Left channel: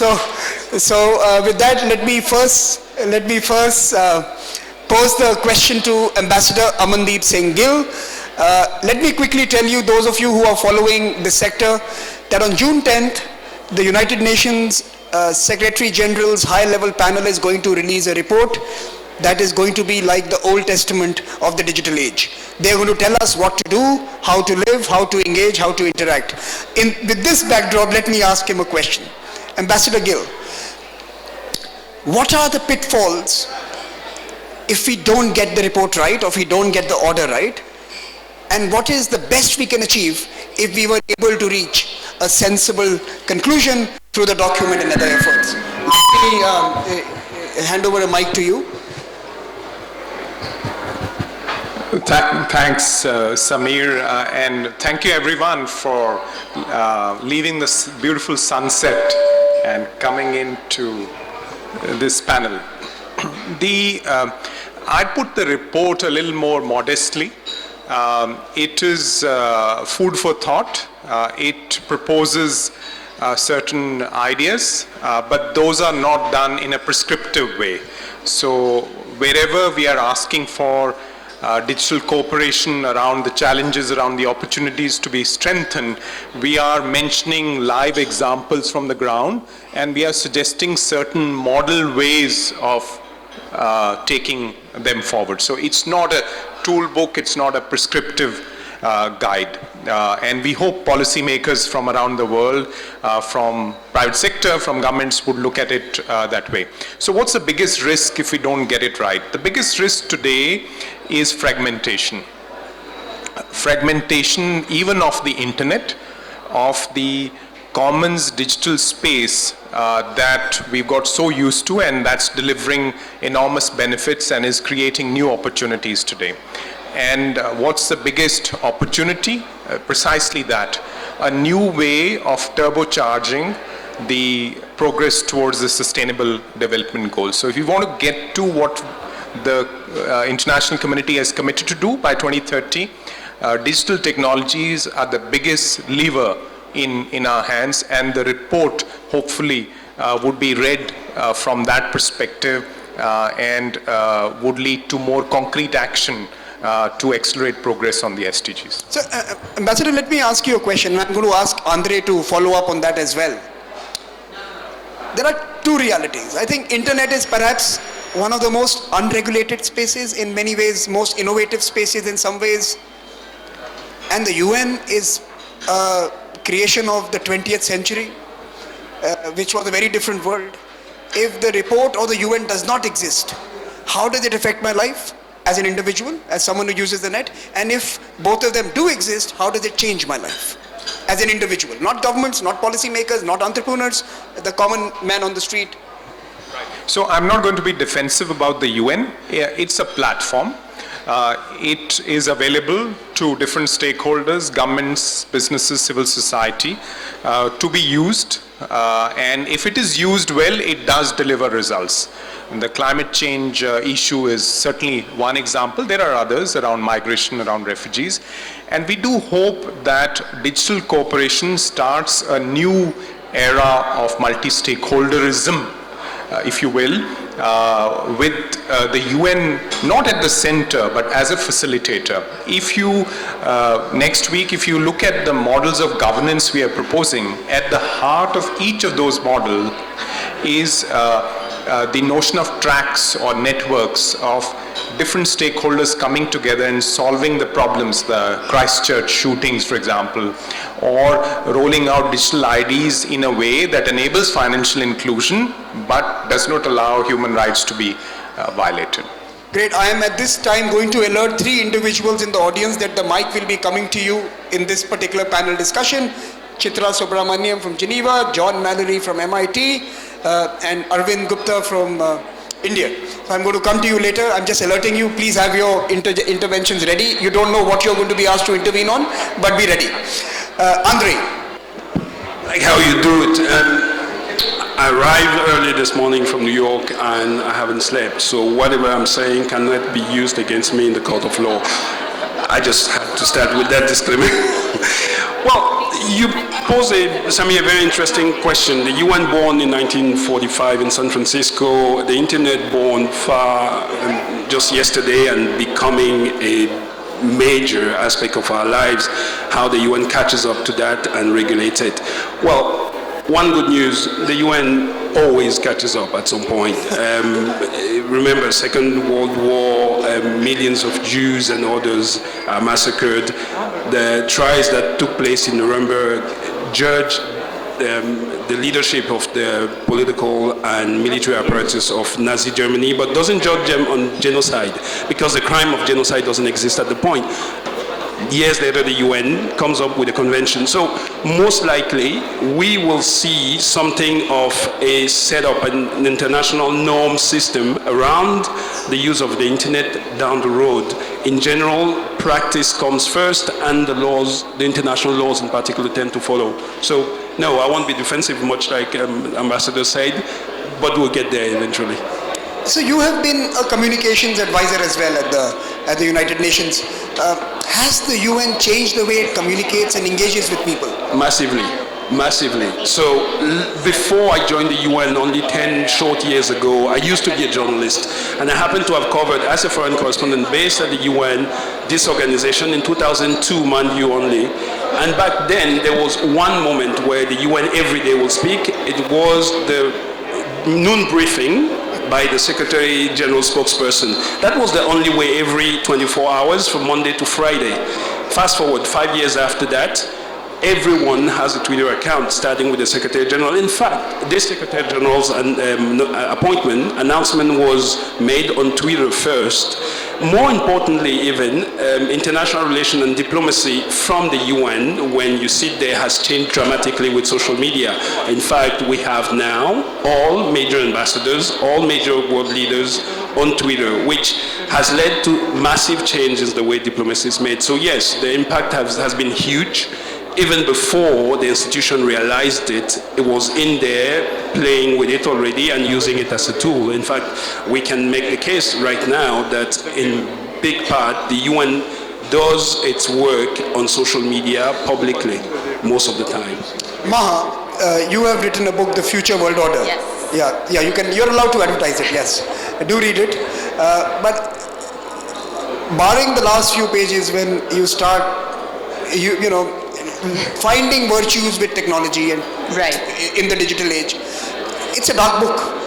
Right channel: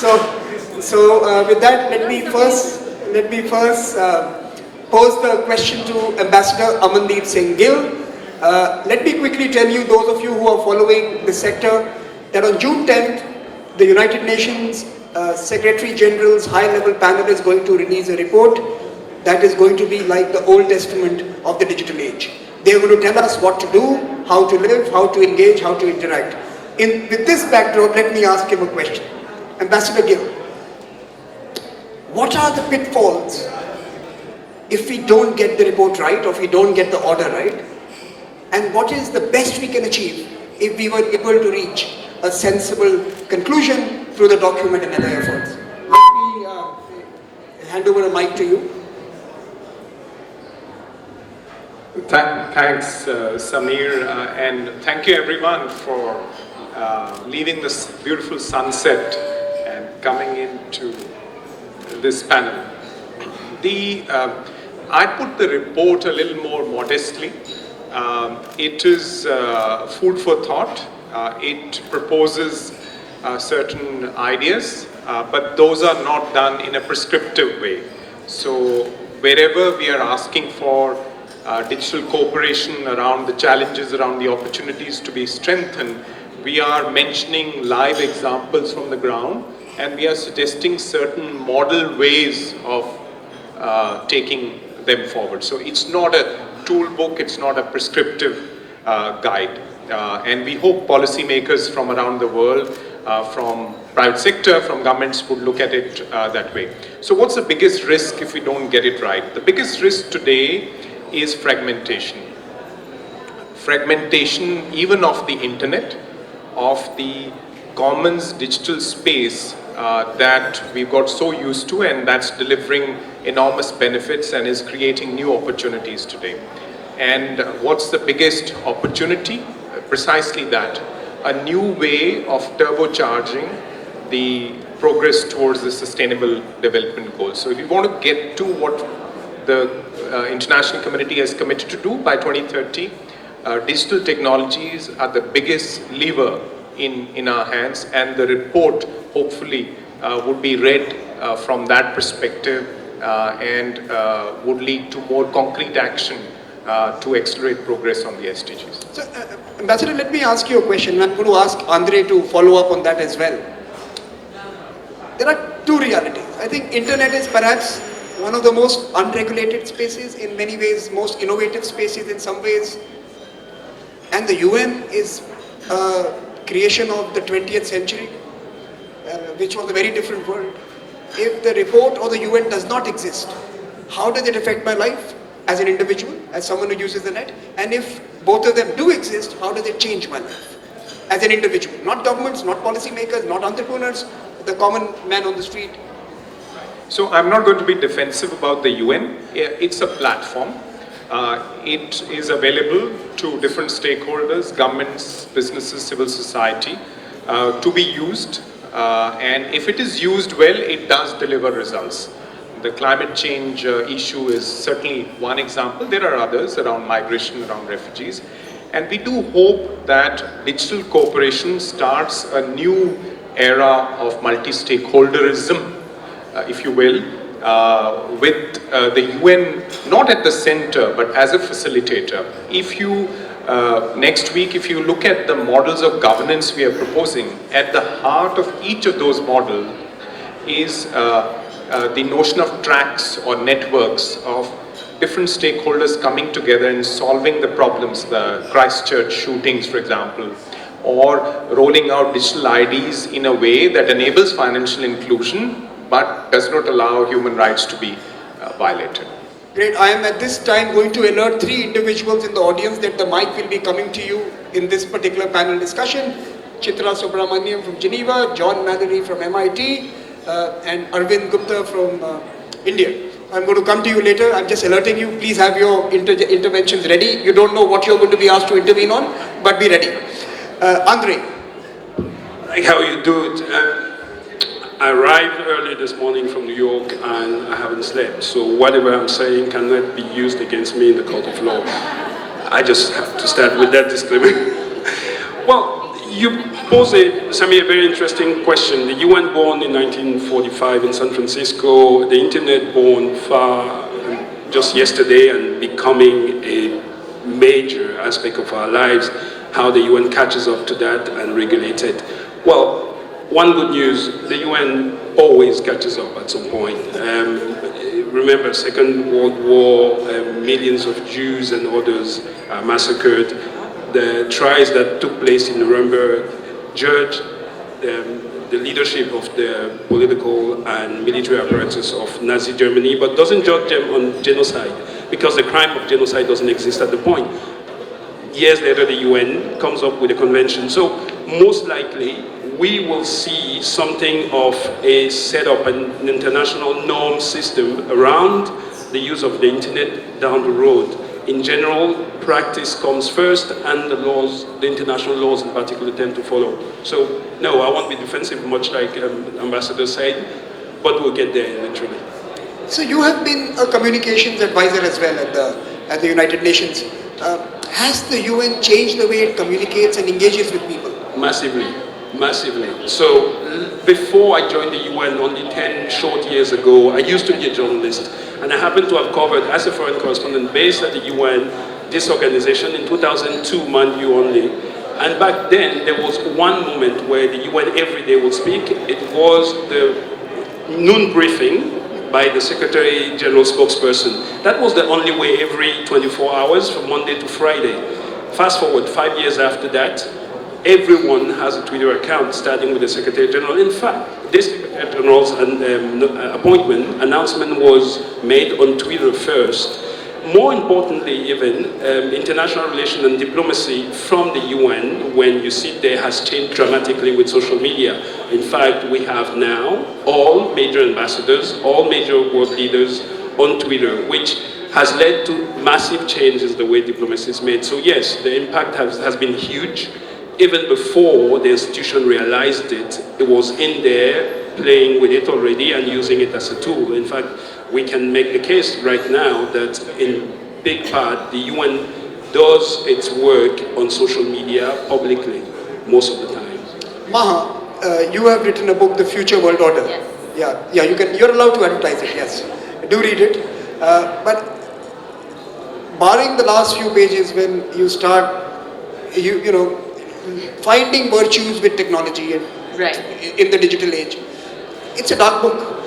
With that, let me first pose the question to Ambassador Amandeep Singh Gill. Let me quickly tell you, those of you who are following this sector, that on June 10th, the United Nations Secretary General's high-level panel is going to release a report that is going to be like the Old Testament of the digital age. They are going to tell us what to do, how to live, how to engage, how to interact. With this backdrop, let me ask him a question. Ambassador Gill, what are the pitfalls if we don't get the report right, or if we don't get the order right? And what is the best we can achieve if we were able to reach a sensible conclusion through the document and other efforts? Let me hand over a mic to you. Thanks, Samir, and thank you everyone for leaving this beautiful sunset and coming into this panel. I put the report a little more modestly. It is food for thought. It proposes certain ideas, but those are not done in a prescriptive way. So wherever we are asking for digital cooperation around the challenges, around the opportunities to be strengthened, we are mentioning live examples from the ground, and we are suggesting certain model ways of taking them forward. So it's not a tool book, it's not a prescriptive guide. And we hope policymakers from around the world, from private sector, from governments would look at it that way. So what's the biggest risk if we don't get it right? The biggest risk today is fragmentation. Fragmentation even of the internet, of the commons digital space that we've got so used to, and that's delivering enormous benefits and is creating new opportunities today. And what's the biggest opportunity? Precisely that, a new way of turbocharging the progress towards the sustainable development goals. So if you want to get to what the international community has committed to do by 2030, digital technologies are the biggest lever in our hands, and the report hopefully would be read from that perspective and would lead to more concrete action to accelerate progress on the SDGs. So, Ambassador, let me ask you a question. I'm going to ask Andre to follow up on that as well. There are two realities. I think internet is perhaps one of the most unregulated spaces, in many ways most innovative spaces in some ways, and the UN is a creation of the 20th century, which was a very different world. If the report or the UN does not exist, how does it affect my life as an individual, as someone who uses the net? And if both of them do exist, how does it change my life as an individual? Not governments, not policymakers, not entrepreneurs, the common man on the street. So I'm not going to be defensive about the UN. It's a platform. It is available to different stakeholders, governments, businesses, civil society, to be used. And if it is used well, it does deliver results. And the climate change issue is certainly one example. There are others around migration, around refugees. And we do hope that digital cooperation starts a new era of multi-stakeholderism, if you will, with the UN not at the center but as a facilitator. If you, next week, if you look at the models of governance we are proposing, at the heart of each of those models is the notion of tracks or networks of different stakeholders coming together and solving the problems, the Christchurch shootings, for example, or rolling out digital IDs in a way that enables financial inclusion but does not allow human rights to be violated. Great. I am at this time going to alert 3 individuals in the audience that the mic will be coming to you in this particular panel discussion. Chitra Subramaniam from Geneva, John Mallory from MIT, and Arvind Gupta from India. So I'm going to come to you later. I'm just alerting you. Please have your interventions ready. You don't know what you're going to be asked to intervene on, but be ready. Andre. Like how you do it. I arrived early this morning from New York and I haven't slept, so whatever I'm saying cannot be used against me in the court of law. I just have to start with that disclaimer. Well, You pose Samir, a very interesting question. The UN born in 1945 in San Francisco, the internet born just yesterday and becoming a major aspect of our lives, how the UN catches up to that and regulates it. Well, one good news, the UN always catches up at some point. Remember, Second World War, millions of Jews and others are massacred. The trials that took place in Nuremberg judged the leadership of the political and military apparatus of Nazi Germany, but doesn't judge them on genocide, because the crime of genocide doesn't exist at the point. Years later, the UN comes up with a convention. So most likely, we will see something of a setup, an international norm system around the use of the internet down the road. In general, practice comes first, and the laws, the international laws in particular, tend to follow. So no, I won't be defensive much like Ambassador said, but we'll get there eventually. So you have been a communications advisor as well at the United Nations. Has the UN changed the way it communicates and engages with people? Massively, massively. So before I joined the UN, only 10 short years ago, I used to be a journalist, and I happened to have covered, as a foreign correspondent based at the UN, this organization in 2002, mind you only. And back then, there was one moment where the UN every day would speak. It was the noon briefing by the Secretary General Spokesperson. That was the only way every 24 hours from Monday to Friday. Fast forward 5 years after that, everyone has a Twitter account, starting with the Secretary General. In fact, this Secretary General's appointment announcement was made on Twitter first. More importantly even, international relations and diplomacy from the UN, when you sit there, has changed dramatically with social media. In fact, we have now all major ambassadors, all major world leaders on Twitter, which has led to massive changes the way diplomacy is made. So yes, the impact has been huge. Even before the institution realized it, it was in there, playing with it already and using it as a tool. In fact, we can make the case right now that in big part, the UN does its work on social media publicly, most of the time. Maha, you have written a book, The Future World Order. Yes. Yeah, you're allowed to advertise it, yes. Do read it. But barring the last few pages when you start, you know, finding virtues with technology and in the digital age, it's a dark book.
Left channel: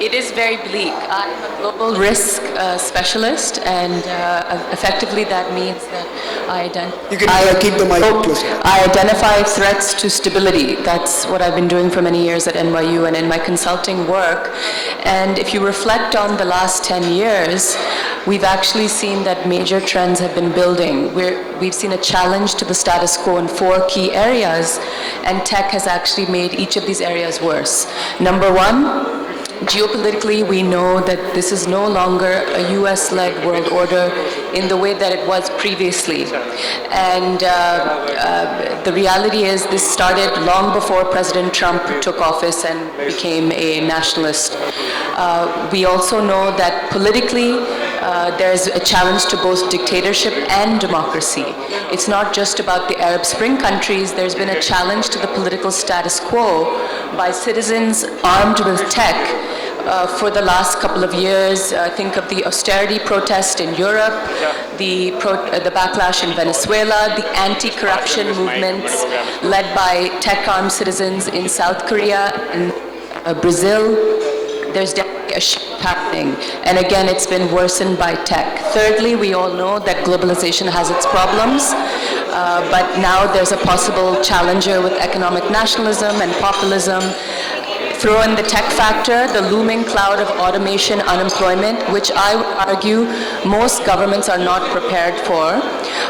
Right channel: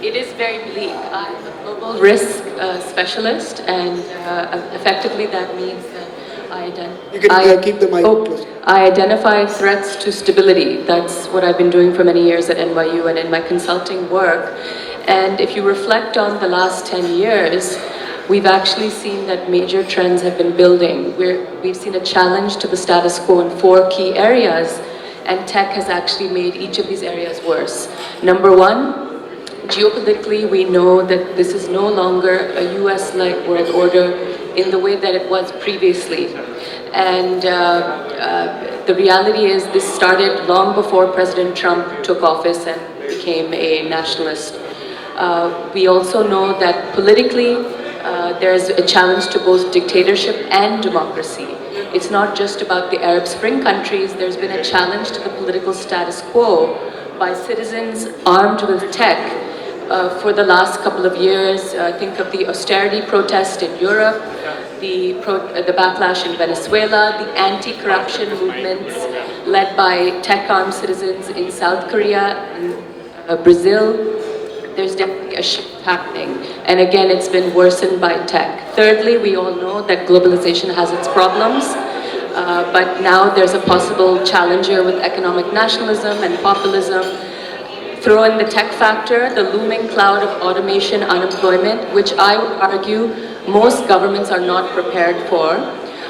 It is very bleak. I'm a global risk specialist, and effectively that means that you can keep the mic close. I identify threats to stability. That's what I've been doing for many years at NYU and in my consulting work. And if you reflect on the last 10 years, we've actually seen that major trends have been building. We've seen a challenge to the status quo in 4 key areas, and tech has actually made each of these areas worse. Number one, geopolitically, we know that this is no longer a US-led world order in the way that it was previously. And the reality is this started long before President Trump took office and became a nationalist. We also know that politically, there's a challenge to both dictatorship and democracy. It's not just about the Arab Spring countries. There's been a challenge to the political status quo by citizens armed with tech for the last couple of years. Think of the austerity protest in Europe, the backlash in Venezuela, the anti-corruption movements led by tech-armed citizens in South Korea and Brazil. There's definitely a shift happening. And again, it's been worsened by tech. Thirdly, we all know that globalization has its problems, but now there's a possible challenger with economic nationalism and populism. Throw in the tech factor, the looming cloud of automation, unemployment, which I would argue most governments are not prepared for.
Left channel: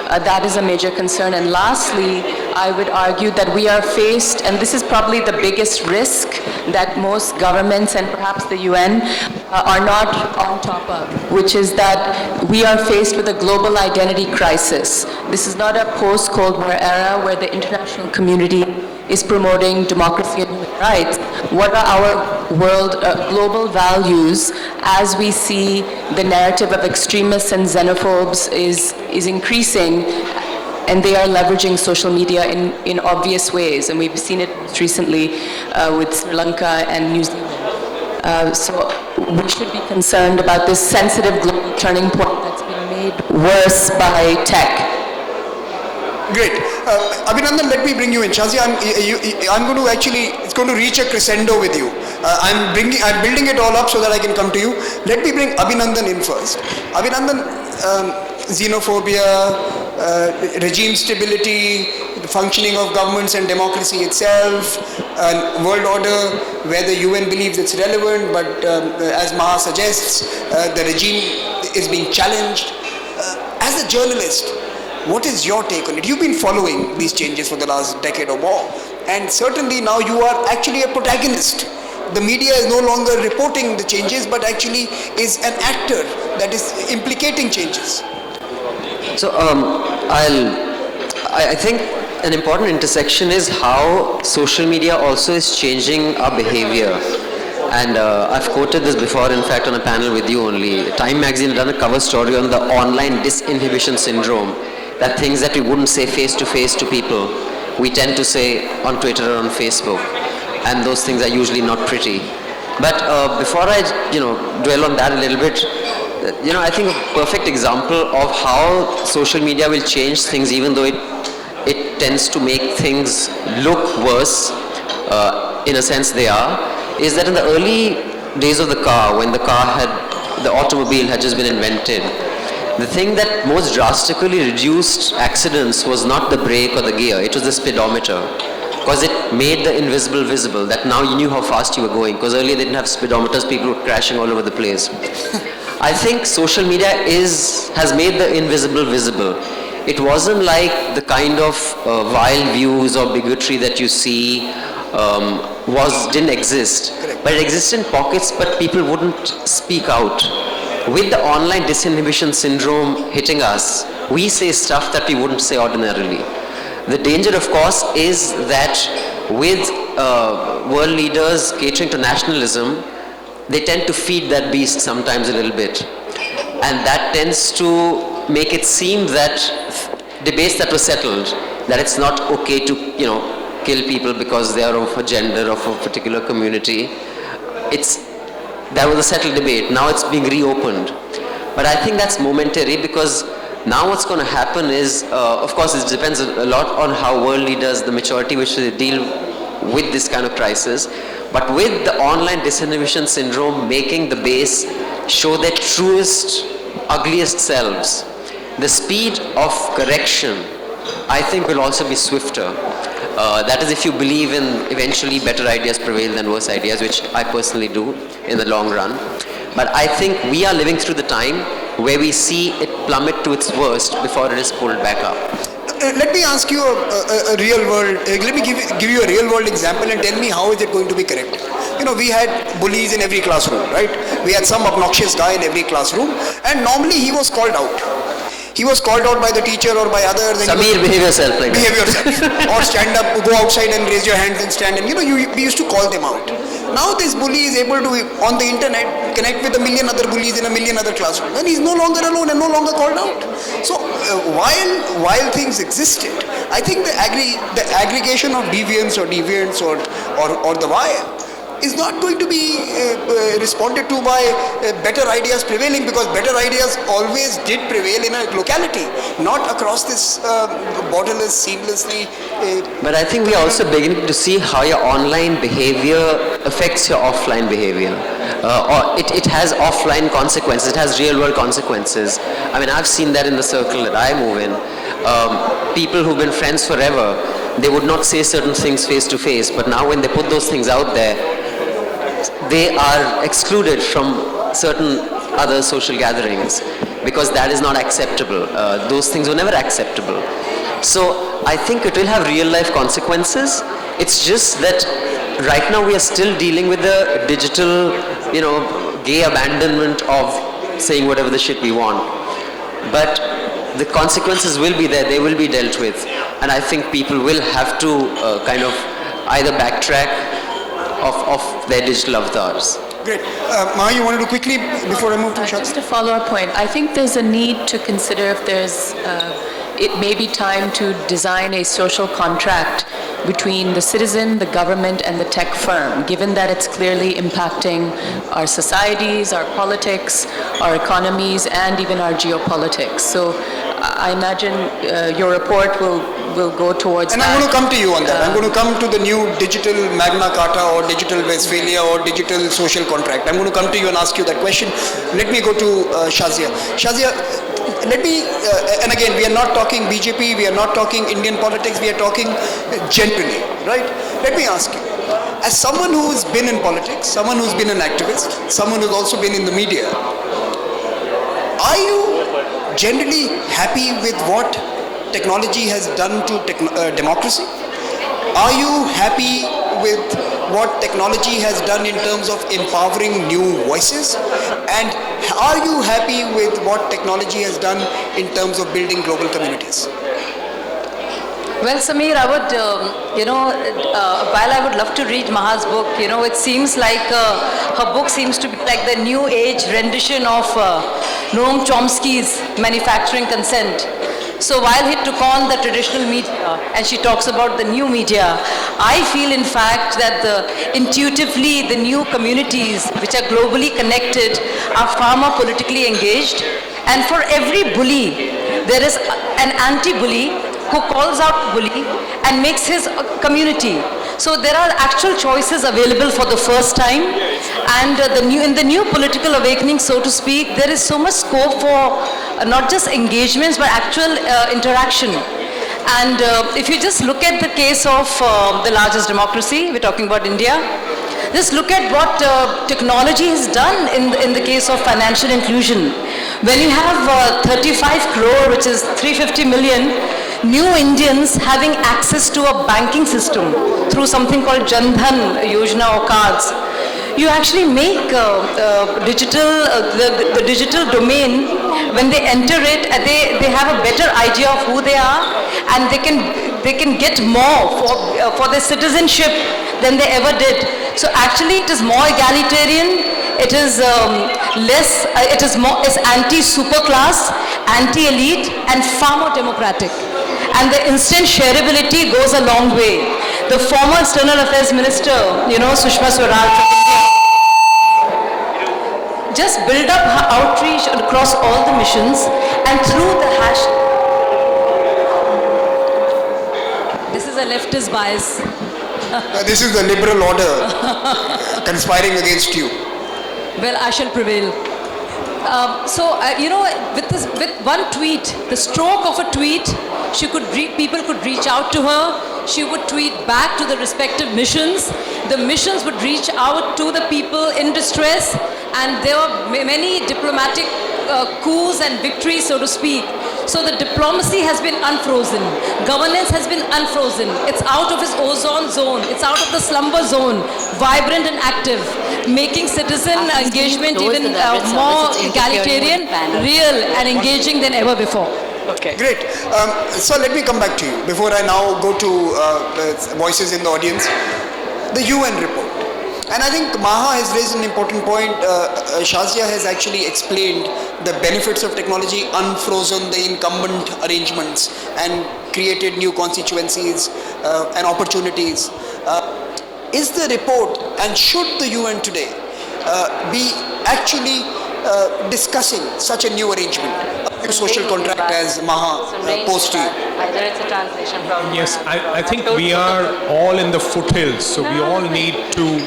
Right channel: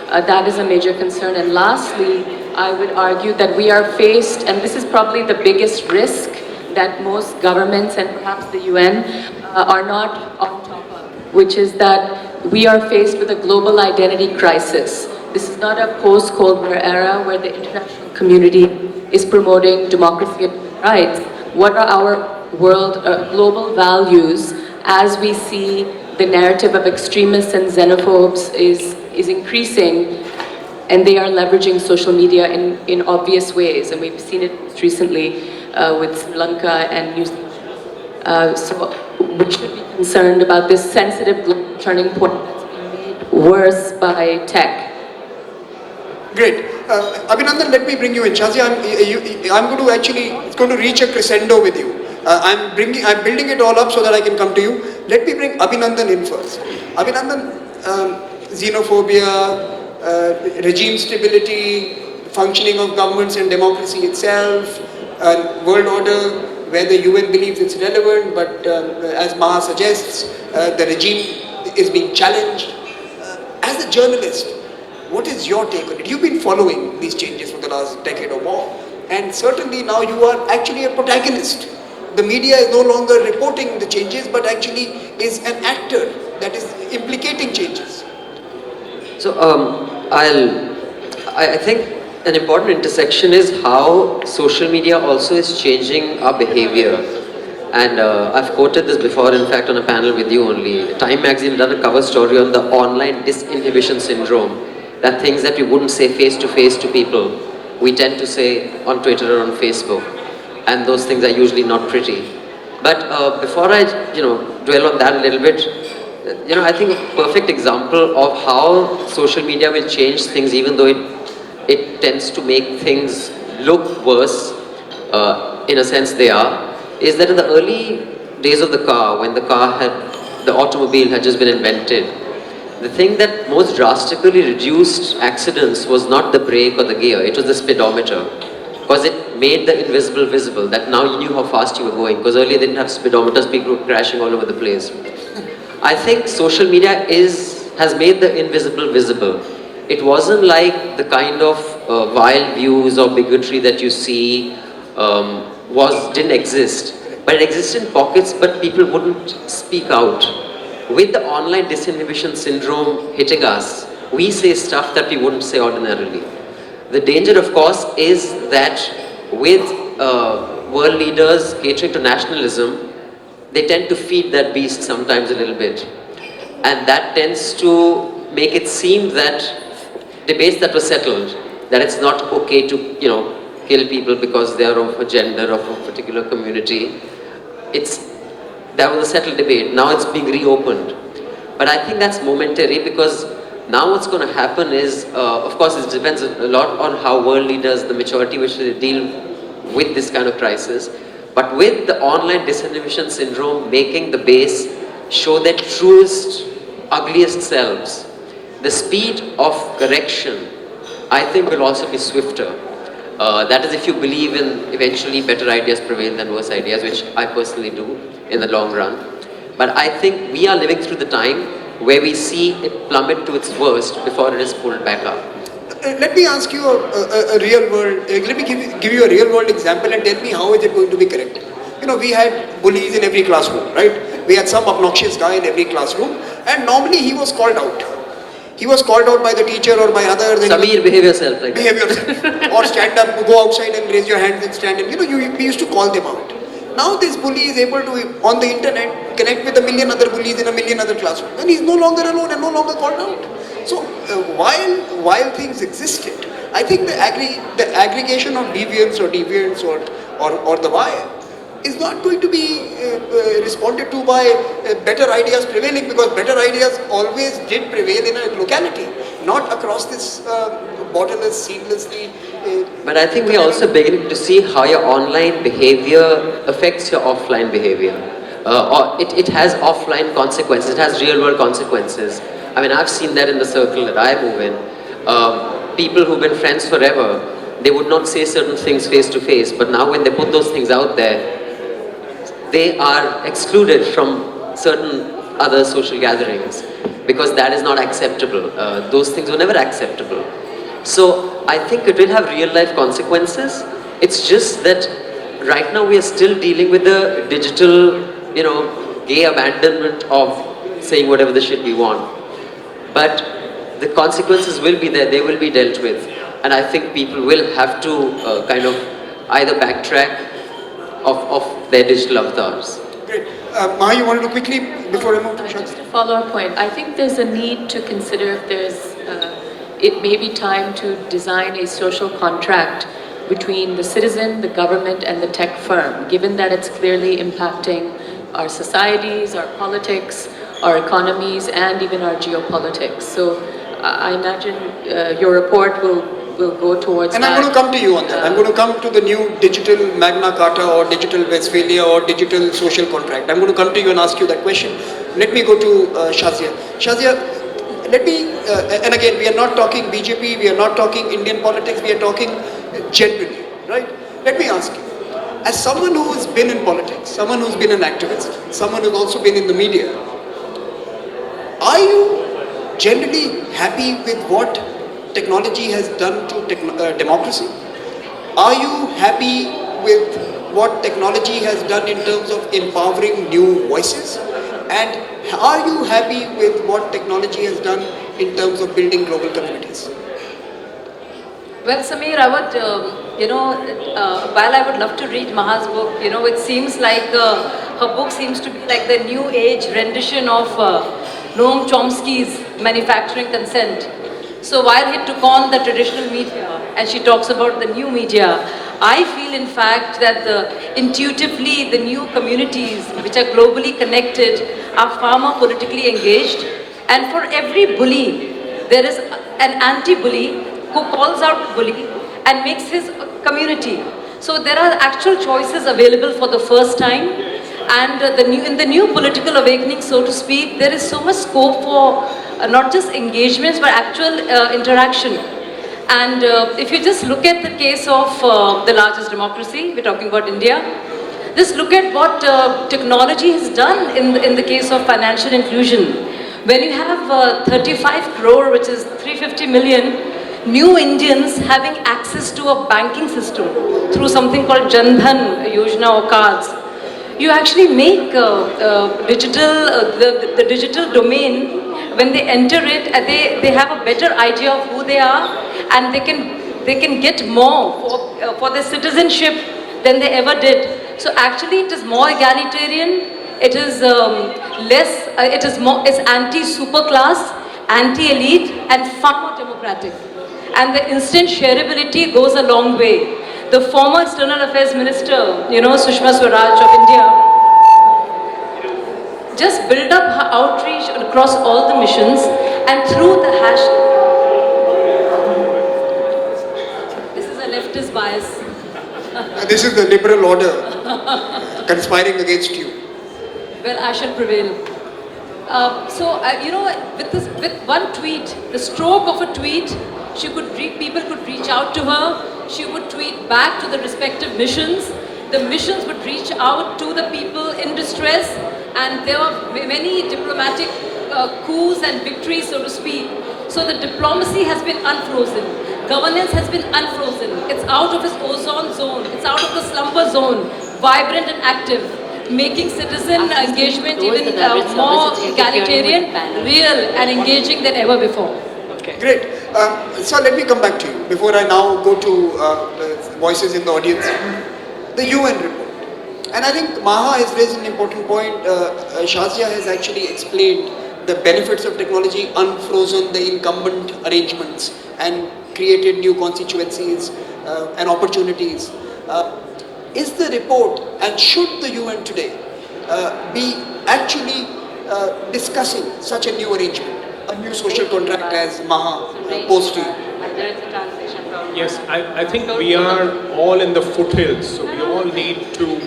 That is a major concern. And lastly, I would argue that we are faced, and this is probably the biggest risk that most governments and perhaps the UN are not on top of, which is that we are faced with a global identity crisis. This is not a post-Cold War era where the international community is promoting democracy and human rights. What are our global values as we see the narrative of extremists and xenophobes is increasing and they are leveraging social media in obvious ways, and we've seen it recently with Sri Lanka and New Zealand. So we should be concerned about this sensitive global turning point that's being made worse by tech. Great. Abhinandan, let me bring you in. Shazia, I'm going to actually, it's going to reach a crescendo with you. I'm building it all up so that I can come to you. Let me bring Abhinandan in first. Abhinandan, xenophobia, regime stability, the functioning of governments and democracy itself, world order where the UN believes it's relevant, but as Maha suggests, the regime is being challenged. As a journalist, what is your take on it? You've been following these changes for the last decade or more, and certainly now you are actually a protagonist. The media is no longer reporting the changes, but actually is an actor that is implicating changes. So I think an important intersection is how social media also is changing our behavior. And I've quoted this before, in fact, on a panel with you only. Time magazine done a cover story on the online disinhibition syndrome. That things that we wouldn't say face to face to people, we tend to say on Twitter or on Facebook. And those things are usually not pretty. But before I dwell on that a little bit, I think a perfect example of how social media will change things, even though it tends to make things look worse, in a sense they are, is that in the early days of the car, when the automobile had just been invented, the thing that most drastically reduced accidents was not the brake or the gear, it was the speedometer. Because it made the invisible visible, that now you knew how fast you were going. Because earlier they didn't have speedometers, people were crashing all over the place. I think social media has made the invisible visible. It wasn't like the kind of vile views or bigotry that you see didn't exist. But it existed in pockets, but people wouldn't speak out. With the online disinhibition syndrome hitting us, we say stuff that we wouldn't say ordinarily. The danger, of course, is that with world leaders catering to nationalism, they tend to feed that beast sometimes a little bit. And that tends to make it seem that debates that were settled, that it's not okay to, kill people because they are of a gender, of a particular community. That was a settled debate. Now it's being reopened. But I think that's momentary, because now what's going to happen is, of course, it depends a lot on how world leaders, the maturity which they deal with this kind of crisis. But with the online disinhibition syndrome making the base show their truest, ugliest selves, the speed of correction, I think, will also be swifter. That is, if you believe in eventually better ideas prevail than worse ideas, which I personally do in the long run. But I think we are living through the time where we see it plummet to its worst before it is pulled back up. Let me ask you a real world, let me give you a real world example and tell me how is it going to be corrected. We had bullies in every classroom, right? We had some obnoxious guy in every classroom, and normally he was called out. He was called out by the teacher or by others. Samir, behave yourself. Behave yourself. Or stand up, go outside and raise your hands and stand. And we used to call them out. Now this bully is able to, on the internet, connect with a million other bullies in a million other classrooms. And he's no longer alone and no longer called out. So while things existed, I think the aggregation of deviants or deviants or the vile is not going to be responded to by better ideas prevailing, because better ideas always did prevail in a locality, not across this borderless, seamlessly. But I think we're also beginning to see how your online behavior affects your offline behavior. Or it has offline consequences, it has real world consequences. I mean, I've seen that in the circle that I move in. People who've been friends forever, they would not say certain things face to face, but now when they put those things out there, they are excluded from certain other social gatherings because that is not acceptable. Those things were never acceptable. So I think it will have real life consequences. It's just that right now we are still dealing with the digital, gay abandonment of saying whatever the shit we want. But the consequences will be there, they will be dealt with. And I think people will have to kind of either backtrack of their digital avatars. Great. Maha, you want to do quickly before I move to Shazia? Just a follow-up point. I think there's a need to consider if there's it may be time to design a social contract between the citizen, the government, and the tech firm, given that it's clearly impacting our societies, our politics, our economies, and even our geopolitics. So I imagine your report will go towards And that. I'm going to come to you on that. I'm going to come to the new digital Magna Carta or digital Westphalia or digital social contract. I'm going to come to you and ask you that question. Let me go to Shazia. Shazia, let me, and again, we are not talking BJP, we are not talking Indian politics, we are talking generally, right? Let me ask you, as someone who's been in politics, someone who's been an activist, someone who's also been in the media, are you generally happy with what technology has done to democracy? Are you happy with what technology has done in terms of empowering new voices? And are you happy with what technology has done in terms of building global communities? Well, Samir, I would, while I would love to read Maha's book, it seems like her book seems to be like the new age rendition of Noam Chomsky's Manufacturing Consent. So while he took on the traditional media and she talks about the new media, I feel in fact that intuitively the new communities which are globally connected are far more politically engaged, and for every bully there is an anti-bully who calls out bully and makes his community. So there are actual choices available for the first time, and in the new political awakening, so to speak, there is so much scope for not just engagements but actual interaction. And if you just look at the case of the largest democracy, we're talking about India, just look at what technology has done in the case of financial inclusion. When you have 35 crore, which is 350 million, new Indians having access to a banking system through something called Jan Dhan Yojana or cards, you actually make the digital domain, when they enter it, they have a better idea of who they are, and they can get more for their citizenship than they ever did. So actually it is more egalitarian, it is it's anti-super class, anti-elite, and far more democratic. And the instant shareability goes a long way. The former External Affairs Minister, Sushma Swaraj of India, just built up her outreach across all the missions, and through the hash. This is a leftist bias. This is the liberal order conspiring against you. Well, I shall prevail. With one tweet, the stroke of a tweet, people could reach out to her. She would tweet back to the respective missions. The missions would reach out to the people in distress, and there were many diplomatic coups and victories, so to speak. So the diplomacy has been unfrozen. Governance has been unfrozen. It's out of its ozone zone. It's out of the slumber zone, vibrant and active, making citizen engagement even more egalitarian, real and engaging than ever before. Okay. Great. So let me come back to you before I now go to voices in the audience. The UN report. And I think Maha has raised an important point. Shazia has actually explained the benefits of technology, unfrozen the incumbent arrangements, and created new constituencies and opportunities. Is the report, and should the UN today be actually discussing such a new arrangement, a new social contract as Maha posed to you? Yes, I think we are all in the foothills, so we all need to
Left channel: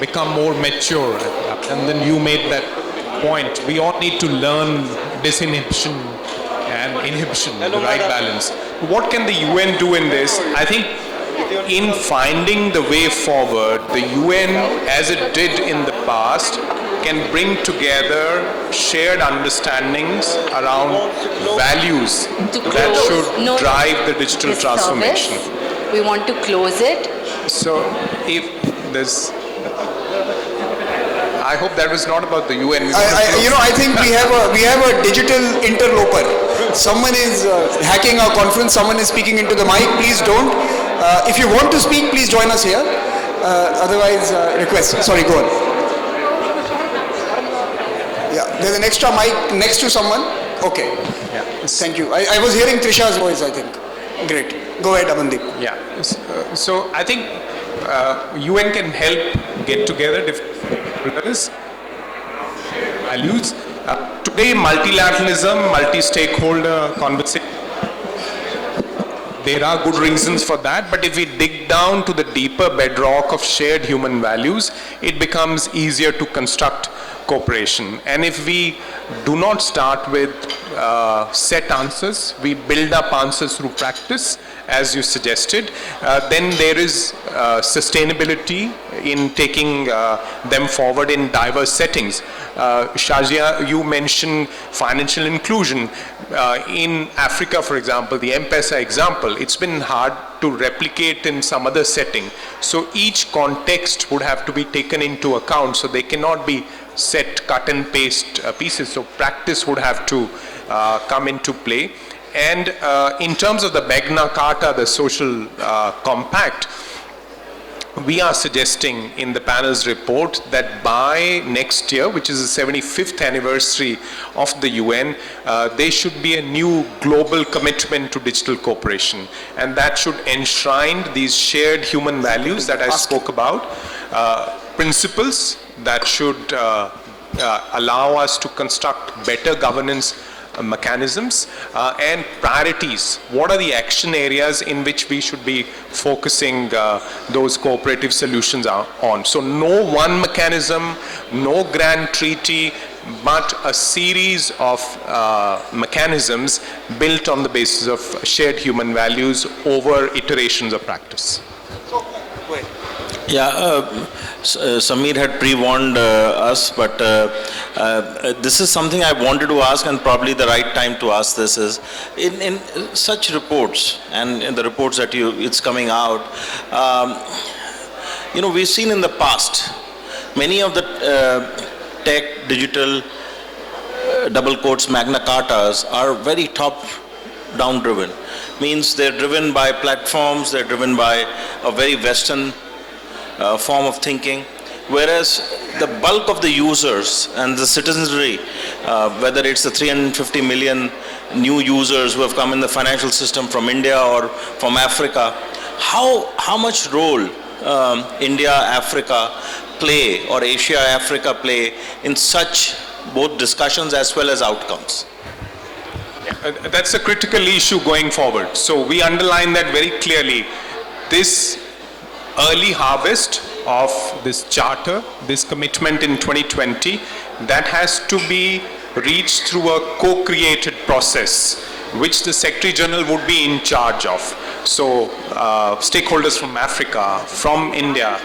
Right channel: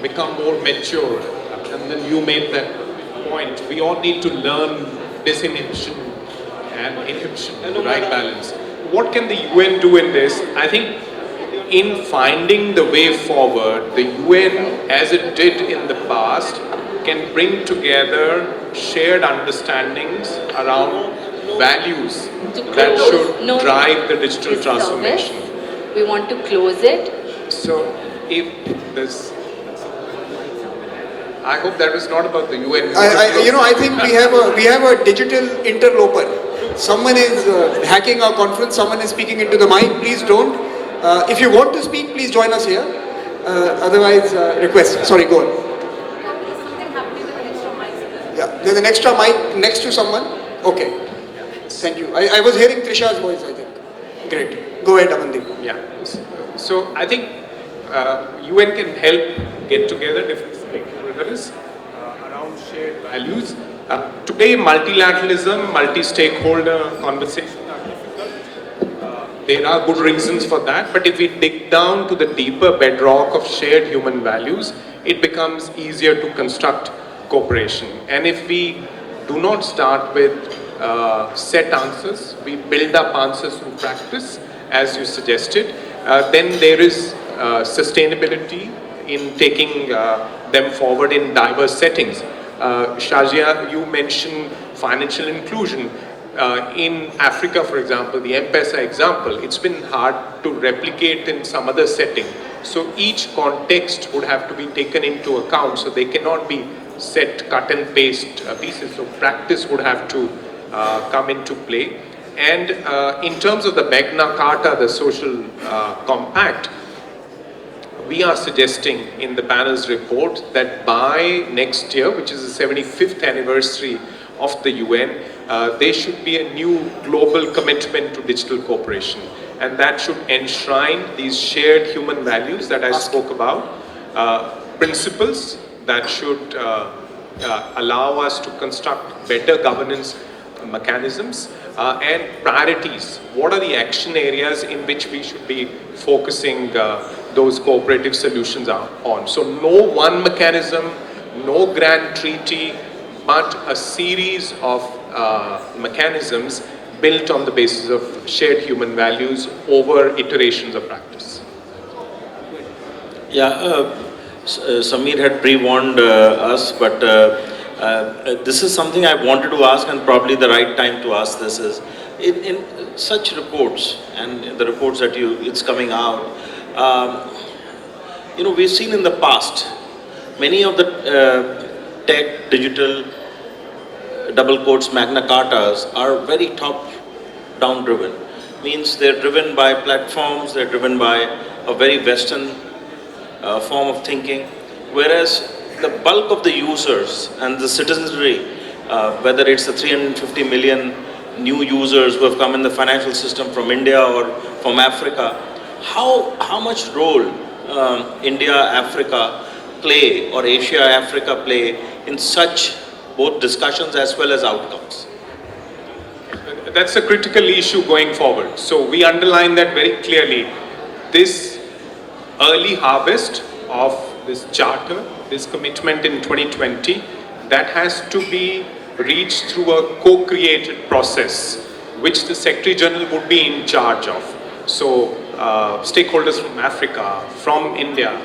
become more mature. And then you made that point. We all need to learn disinhibition and inhibition, the right balance. What can the UN do in this? I think in finding the way forward, the UN, as it did in the past, can bring together shared understandings around values that should drive the digital transformation. We want to close it. So if this, I hope that was not about the UN. I think we have a digital interloper. Someone is hacking our conference, someone is speaking into the mic. Please don't. If you want to speak, please join us here. Otherwise, request. Sorry, go on. Yeah, there's an extra mic next to someone. Okay. Yeah. Thank you. I was hearing Trisha's voice, I think. Great. Go ahead, Amandeep. Yeah. So I think UN can help get together different stakeholders, values. Today, multilateralism, multi-stakeholder conversation, there are good reasons for that, but if we dig down to the deeper bedrock of shared human values, it becomes easier to construct cooperation. And if we do not start with set answers, we build up answers through practice, as you suggested, then there is sustainability in taking them forward in diverse settings. Shazia, you mentioned financial inclusion. In Africa, for example, the M-Pesa example, it's been hard to replicate in some other setting. So each context would have to be taken into account, so they cannot be set, cut and paste pieces. So practice would have to come into play. And in terms of the Magna Carta, the social compact, we are suggesting in the panel's report that by next year, which is the 75th anniversary of the UN, there should be a new global commitment to digital cooperation. And that should enshrine these shared human values that I spoke about, principles that should allow us to construct better governance mechanisms, and priorities. What are the action areas in which we should be focusing those cooperative solutions on? So no one mechanism, no grand treaty, but a series of mechanisms built on the basis of shared human values over iterations of practice. Yeah, Samir had pre-warned us, but this is something I wanted to ask, and probably the right time to ask this is, in such reports, and in the reports that it's coming out, we've seen in the past, many of the tech, digital, double quotes, Magna Cartas are very top-down driven. Means they're driven by platforms, they're driven by a very Western form of thinking, whereas the bulk of the users and the citizenry, whether it's the 350 million new users who have come in the financial system from India or from Africa, how much role India, Africa play, or Asia, Africa play in such both discussions as well as outcomes? That's a critical issue going forward. So we underline that very clearly. This early harvest of this charter, this commitment in 2020, that has to be reached through a co-created process, which the Secretary General would be in charge of. So stakeholders from Africa, from India,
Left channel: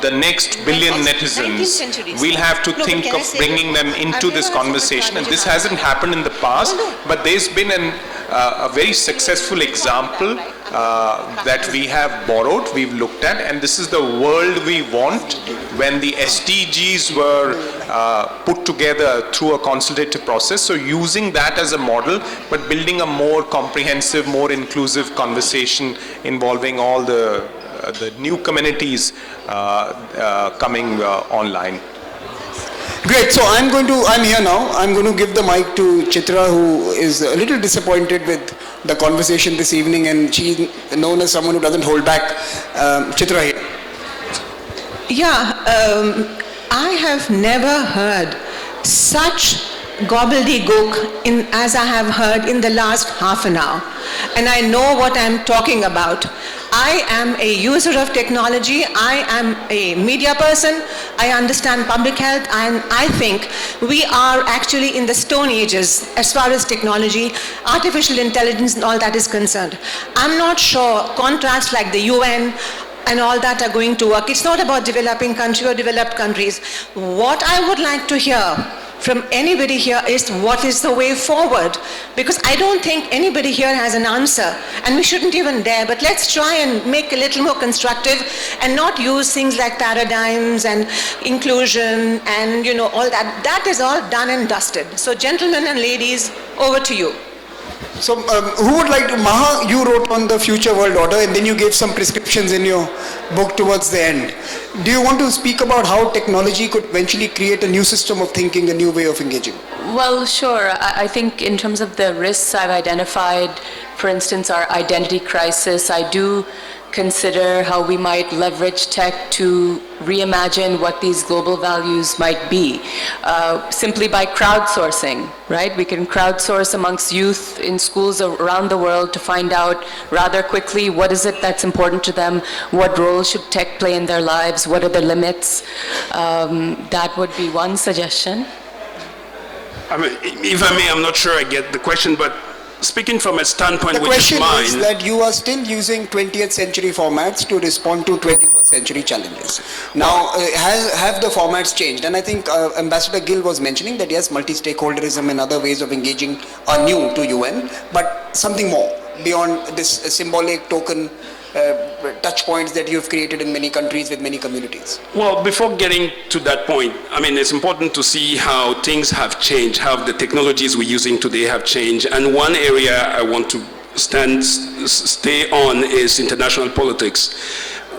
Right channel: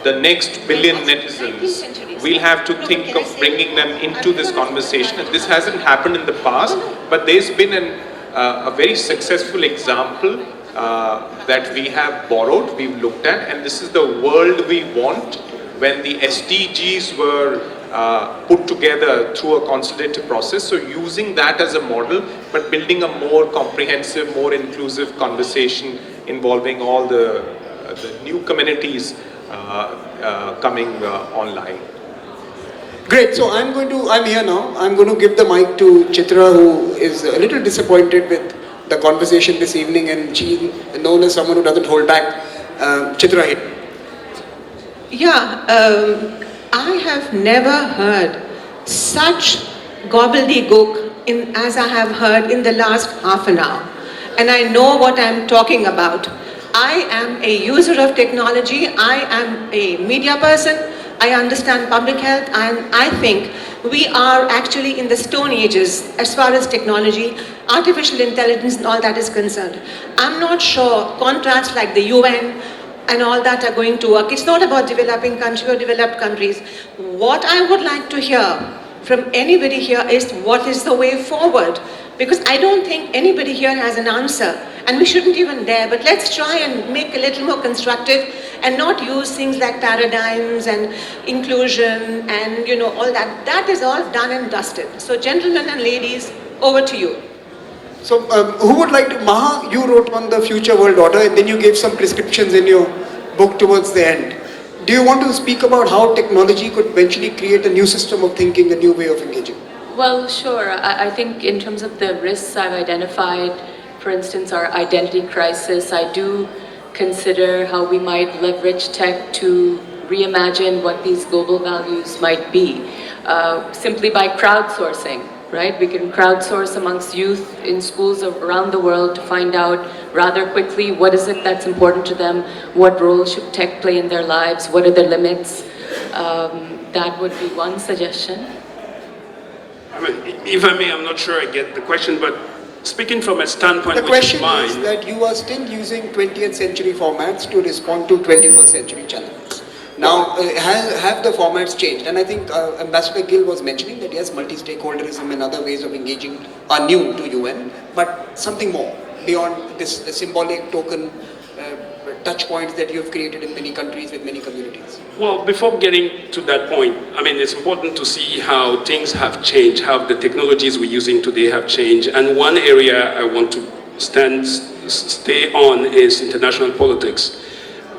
the next billion netizens, we'll have to think of bringing them into this conversation. And this hasn't happened in the past, but there's been a very successful example that we have borrowed, we've looked at, and this is the world we want when the SDGs were put together through a consultative process. So using that as a model, but building a more comprehensive, more inclusive conversation involving all the new communities coming online. Great, so I'm here now. I'm going to give the mic to Chitra, who is a little disappointed with the conversation this evening, and she known as someone who doesn't hold back. Chitra. Yeah, I have never heard such gobbledygook as I have heard in the last half an hour. And I know what I'm talking about. I am a user of technology, I am a media person, I understand public health, and I think we are actually in the stone ages as far as technology, artificial intelligence and all that is concerned. I'm not sure contracts like the UN and all that are going to work. It's not about developing country or developed countries. What I would like to hear from anybody here is what is the way forward, because I don't think anybody here has an answer, and we shouldn't even dare, but let's try and make a little more constructive and not use things like paradigms and inclusion and all that. That is all done and dusted. So gentlemen and ladies, over to you. So who would like to, Maha, you wrote on the future world order and then you gave some prescriptions in your book towards the end. Do you want to speak about how technology could eventually create a new system of thinking, a new way of engaging? Well, sure. I think in terms of the risks I've identified, for instance, our identity crisis, I do consider how we might leverage tech to reimagine what these global values might be, simply by crowdsourcing, right? We can crowdsource amongst youth in schools around the world to find out rather quickly what is it that's important to them, what role should tech play in their lives, what are the limits. That would be one suggestion. I mean, if I may, I'm not sure I get the question, but speaking from a standpoint The which is question mine, is that you are still using 20th century formats to respond to 21st century challenges. Now, have the formats changed? And I think Ambassador Gill was mentioning that yes, multi-stakeholderism and other ways of engaging are new to UN, but something more beyond this symbolic token touch points that you've created in many countries with many communities. well, before getting to that point, I mean, it's important to see how things have changed, how the technologies we're using today have changed. And one area I want to stay on is international politics.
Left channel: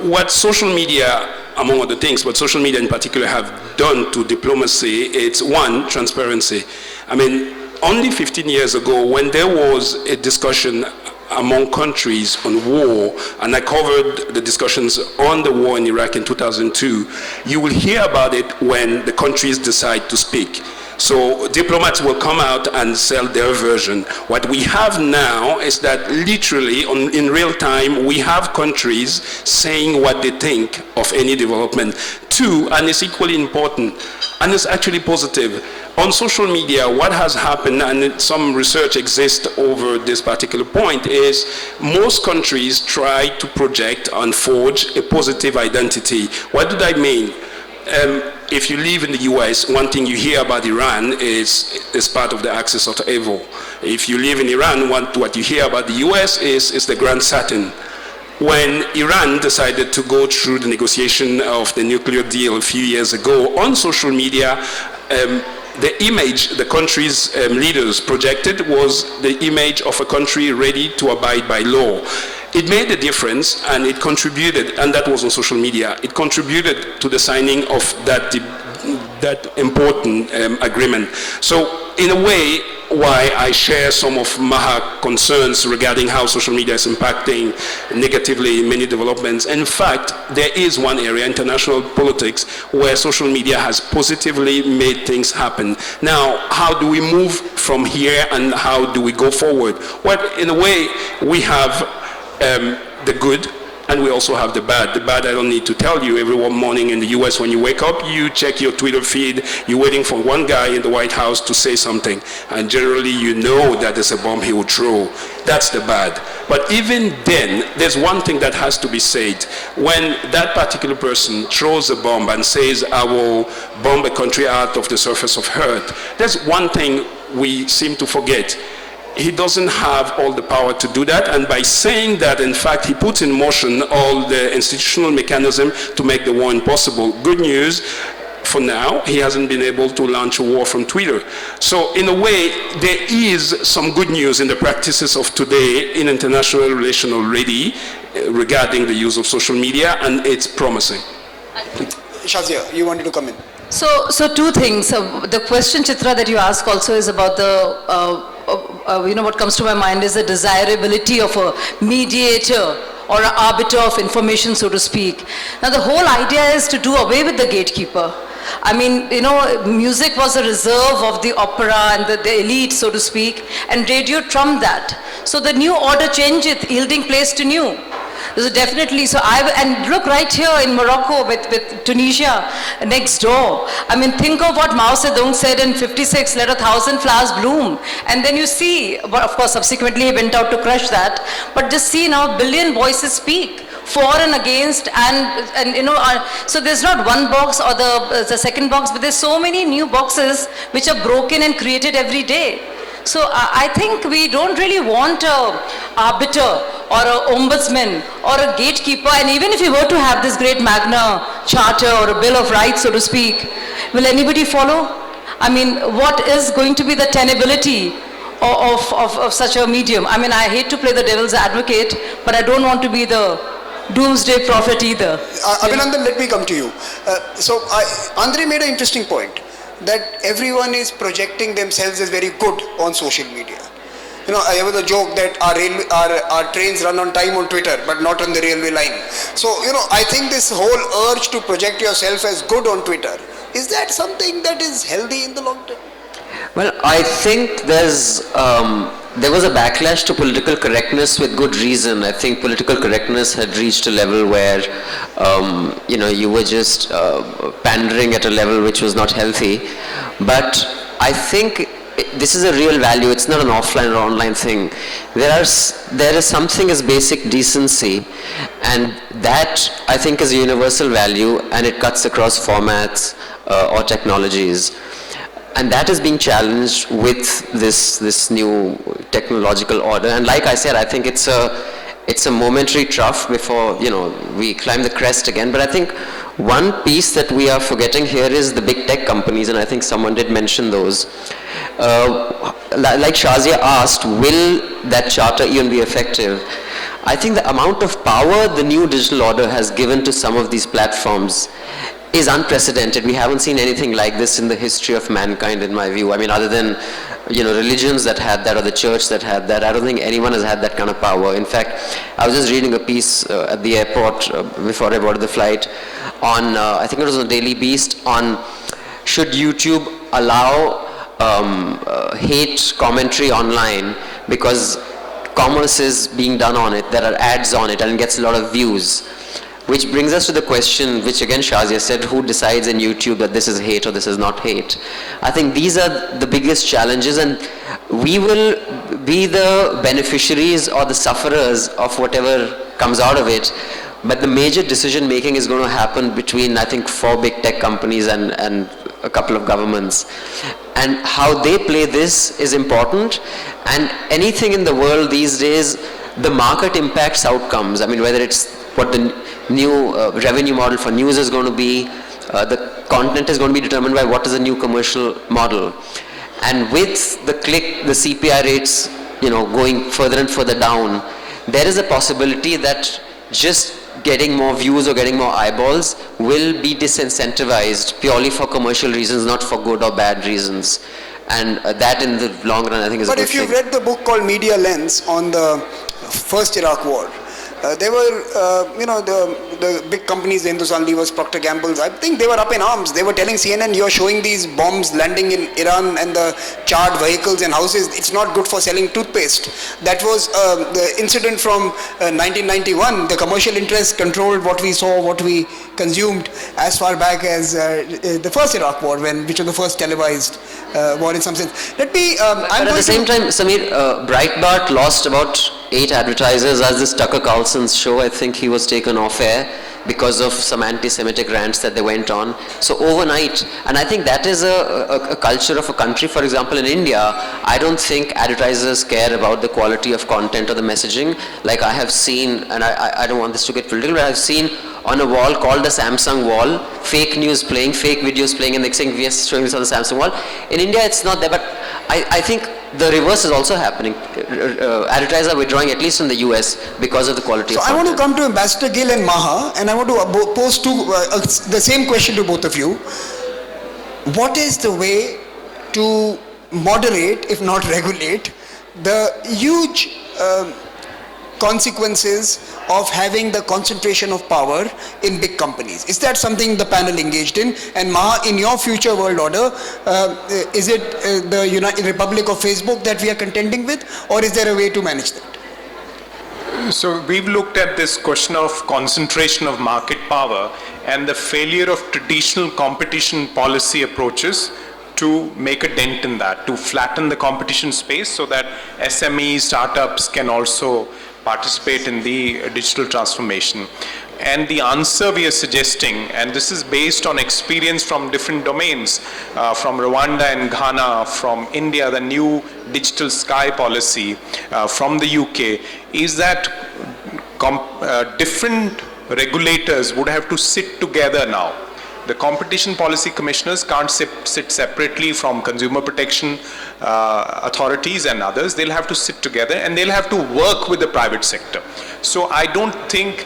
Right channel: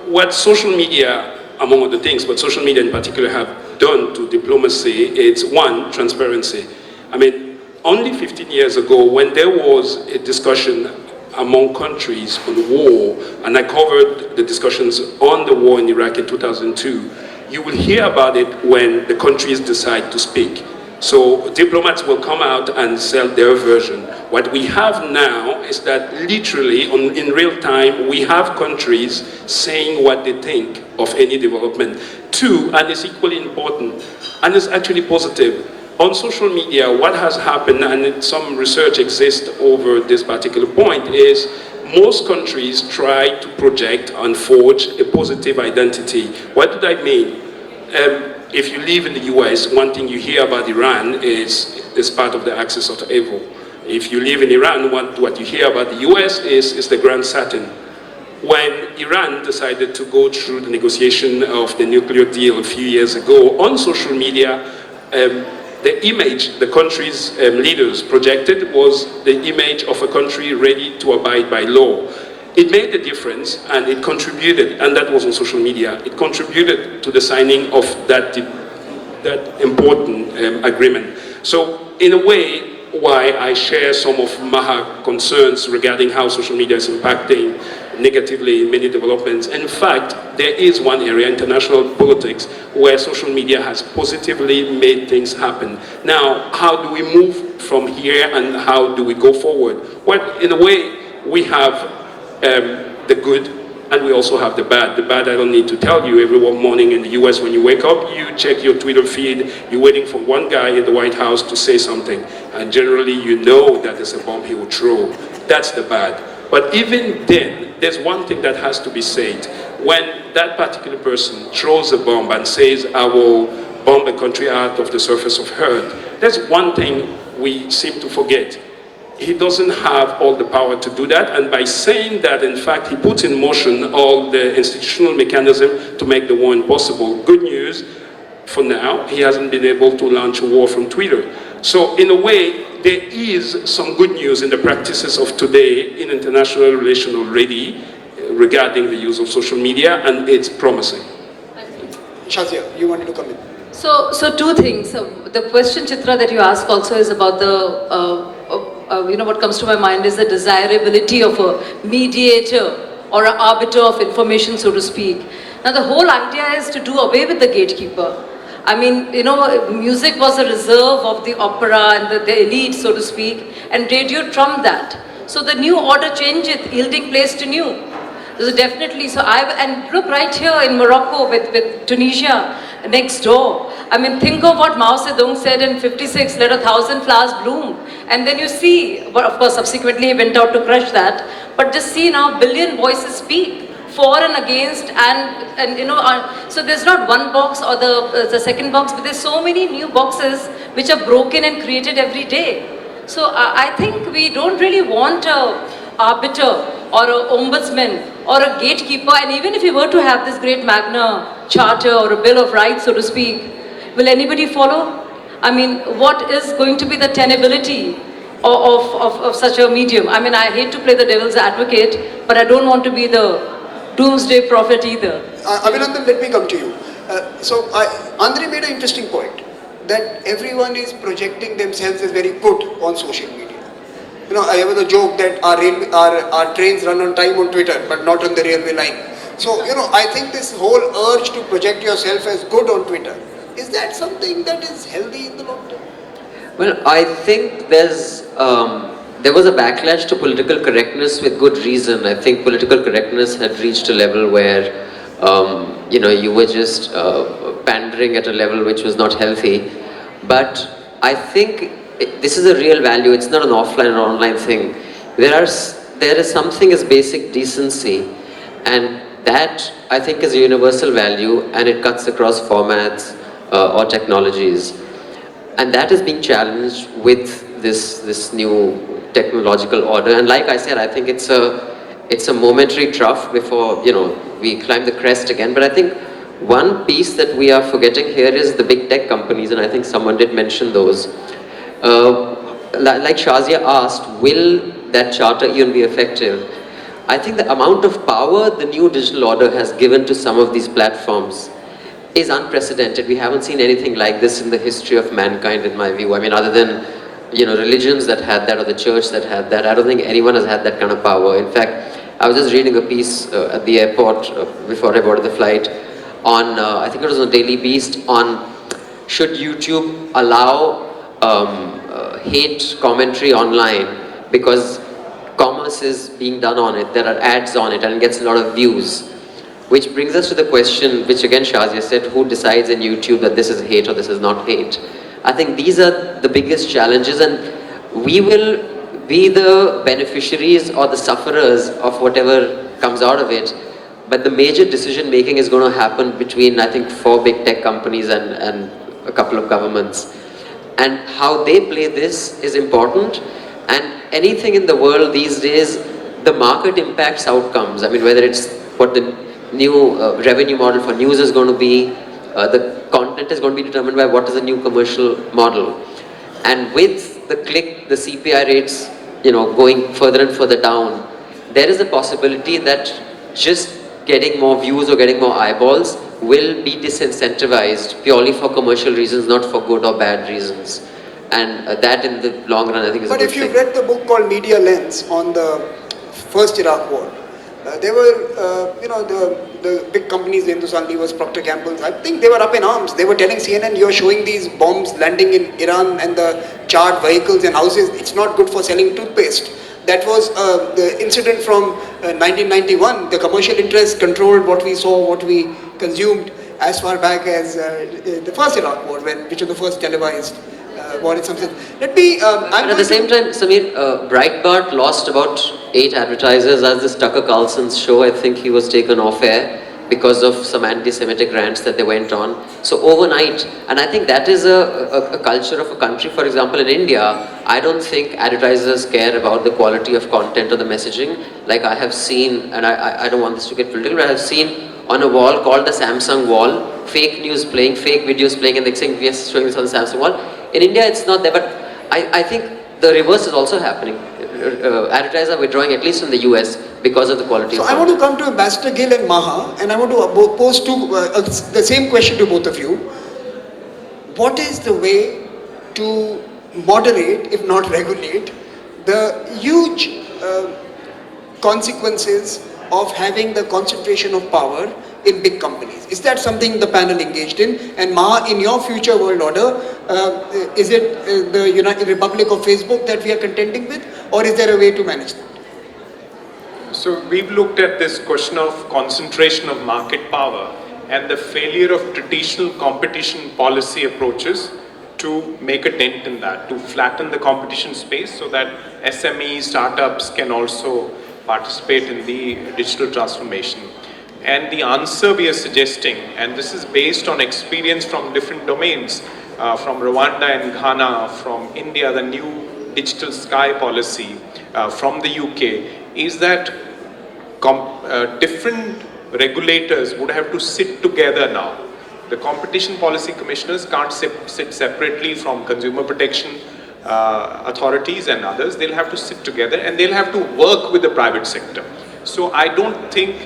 What social media, among other things, what social media in particular have done to diplomacy, it's one, transparency. I mean, only 15 years ago, when there was a discussion among countries on war, and I covered the discussions on the war in Iraq in 2002, you will hear about it when the countries decide to speak. So diplomats will come out and sell their version. What we have now is that literally in real time, we have countries saying what they think of any development. Two, and it's equally important, and it's actually positive, on social media, what has happened, and some research exists over this particular point, is most countries try to project and forge a positive identity. What do I mean? If you live in the US, one thing you hear about Iran is part of the axis of evil. If you live in Iran, what you hear about the US is the Grand Saturn. When Iran decided to go through the negotiation of the nuclear deal a few years ago, on social media, the image the country's leaders projected was the image of a country ready to abide by law. It made a difference, and it contributed, and that was on social media, it contributed to the signing of that important agreement. So in a way, why I share some of Maha's concerns regarding how social media is impacting negatively many developments. In fact, there is one area, international politics, where social media has positively made things happen. Now, how do we move from here and how do we go forward? Well, in a way, we have the good, and we also have the bad. The bad, I don't need to tell you. Every morning in the US, when you wake up, you check your Twitter feed, you're waiting for one guy in the White House to say something, and generally you know that there's a bomb he will throw. That's the bad. But even then, there's one thing that has to be said. When that particular person throws a bomb and says, I will bomb a country out of the surface of earth, there's one thing we seem to forget. He doesn't have all the power to do that, and by saying that, in fact, he puts in motion all the institutional mechanism to make the war impossible. Good news, for now, he hasn't been able to launch a war from Twitter. So in a way, there is some good news in the practices of today in international relations already regarding the use of social media, and it's promising. Shazia, you wanted to come in. So two things. The question, Chitra, that you ask also is about the what comes to my mind is the desirability of a mediator or an arbiter of information, so to speak. Now, the whole idea is to do away with the gatekeeper. I mean, music was a reserve of the opera and the elite, so to speak, and radio trumped that. So the new order changeth, yielding place to new. So definitely, and look right here in Morocco with Tunisia next door. I mean, think of what Mao Zedong said in 56, let 1,000 flowers bloom. And then you see, but of course subsequently he went out to crush that. But just see now, billion voices speak for and against, so there's not one box or the second box, but there's so many new boxes which are broken and created every day. So I think we don't really want a arbiter or an ombudsman or a gatekeeper, and even if we were to have this great Magna Charter or a Bill of Rights, so to speak, will anybody follow? I mean, what is going to be the tenability of such a medium? I mean, I hate to play the devil's advocate, but I don't want to be the doomsday prophet either. Abhinandan, let me come to you. So Andre made an interesting point, that everyone is projecting themselves as very good on social media. You know, I have a joke that our trains run on time on Twitter, but not on the railway line. So, you know, I think this whole urge to project yourself as good on Twitter, is that something that is healthy in the long term? Well, I think there was a backlash to political correctness with good reason. I think political correctness had reached a level where, you were just pandering at a level which was not healthy. But I think this is a real value. It's not an offline or online thing. There is something as basic decency, and that I think is a universal value, and it cuts across formats or technologies. And that is being challenged with this new technological order. And like I said, I think it's a momentary trough before we climb the crest again. But I think one piece that we are forgetting here is the big tech companies, and I think someone did mention those. Like Shazia asked, will that charter even be effective? I think the amount of power the new digital order has given to some of these platforms is unprecedented. We haven't seen anything like this in the history of mankind, in my view. I mean, other than religions that had that, or the church that had that, I don't think anyone has had that kind of power. In fact, I was just reading a piece at the airport before I boarded the flight on, I think it was on Daily Beast, on should YouTube allow hate commentary online because commerce is being done on it, there are ads on it, and it gets a lot of views. Which brings us to the question, which again Shazia said, who decides in YouTube that this is hate or this is not hate? I think these are the biggest challenges, and we will be the beneficiaries or the sufferers of whatever comes out of it. But the major decision making is going to happen between, I think, 4 big tech companies and a couple of governments. And how they play this is important. And anything in the world these days, the market impacts outcomes. I mean, whether it's what the new revenue model for news is going to be, the content is going to be determined by what is the new commercial model. And with the CPI rates, going further and further down, there is a possibility that just getting more views or getting more eyeballs will be disincentivized purely for commercial reasons, not for good or bad reasons. And that in the long run, I think is a good thing. But if you've read the book called Media Lens on the first Iraq war, there were, the big companies, the Hindustan Levers, Procter Gamble's, I think they were up in arms. They were telling CNN, you're showing these bombs landing in Iran and the charred vehicles and houses. It's not good for selling toothpaste. That was the incident from 1991. The commercial interests controlled what we saw, what we consumed as far back as the first Iraq war, which was the first televised war in some sense. Let me... at the same time, Samir, Breitbart lost about 8 advertisers as this Tucker Carlson's show. I think he was taken off air because of some anti-Semitic rants that they went on. So overnight, and I think that is a culture of a country. For example, in India, I don't think advertisers care about the quality of content or the messaging. Like I have seen, and I don't want this to get political, but I've seen on a wall called the Samsung wall, fake news playing, fake videos playing, and they're saying we are showing this on the Samsung wall. In India, it's not there, but I think the reverse is also happening. Advertisers are withdrawing, at least in the US, because of the quality of content. I want to come to Ambassador Gill and Maha, and I want to pose the same question to both of you. What is the way to moderate, if not regulate, the huge consequences of having the concentration of power in big companies? Is that something the panel engaged in? And Maha, in your future world order, is it the United Republic of Facebook that we are contending with, or is there a way to manage that? So we've looked at this question of concentration of market power and the failure of traditional competition policy approaches to make a dent in that, to flatten the competition space so that SME startups can also participate in the digital transformation. And the answer we are suggesting, and this is based on experience from different domains, from Rwanda and Ghana, from India, the new digital sky policy, from the UK, is that different regulators would have to sit together now. The competition policy commissioners can't sit separately from consumer protection authorities and others. They'll have to sit together and they'll have to work with the private sector. So I don't think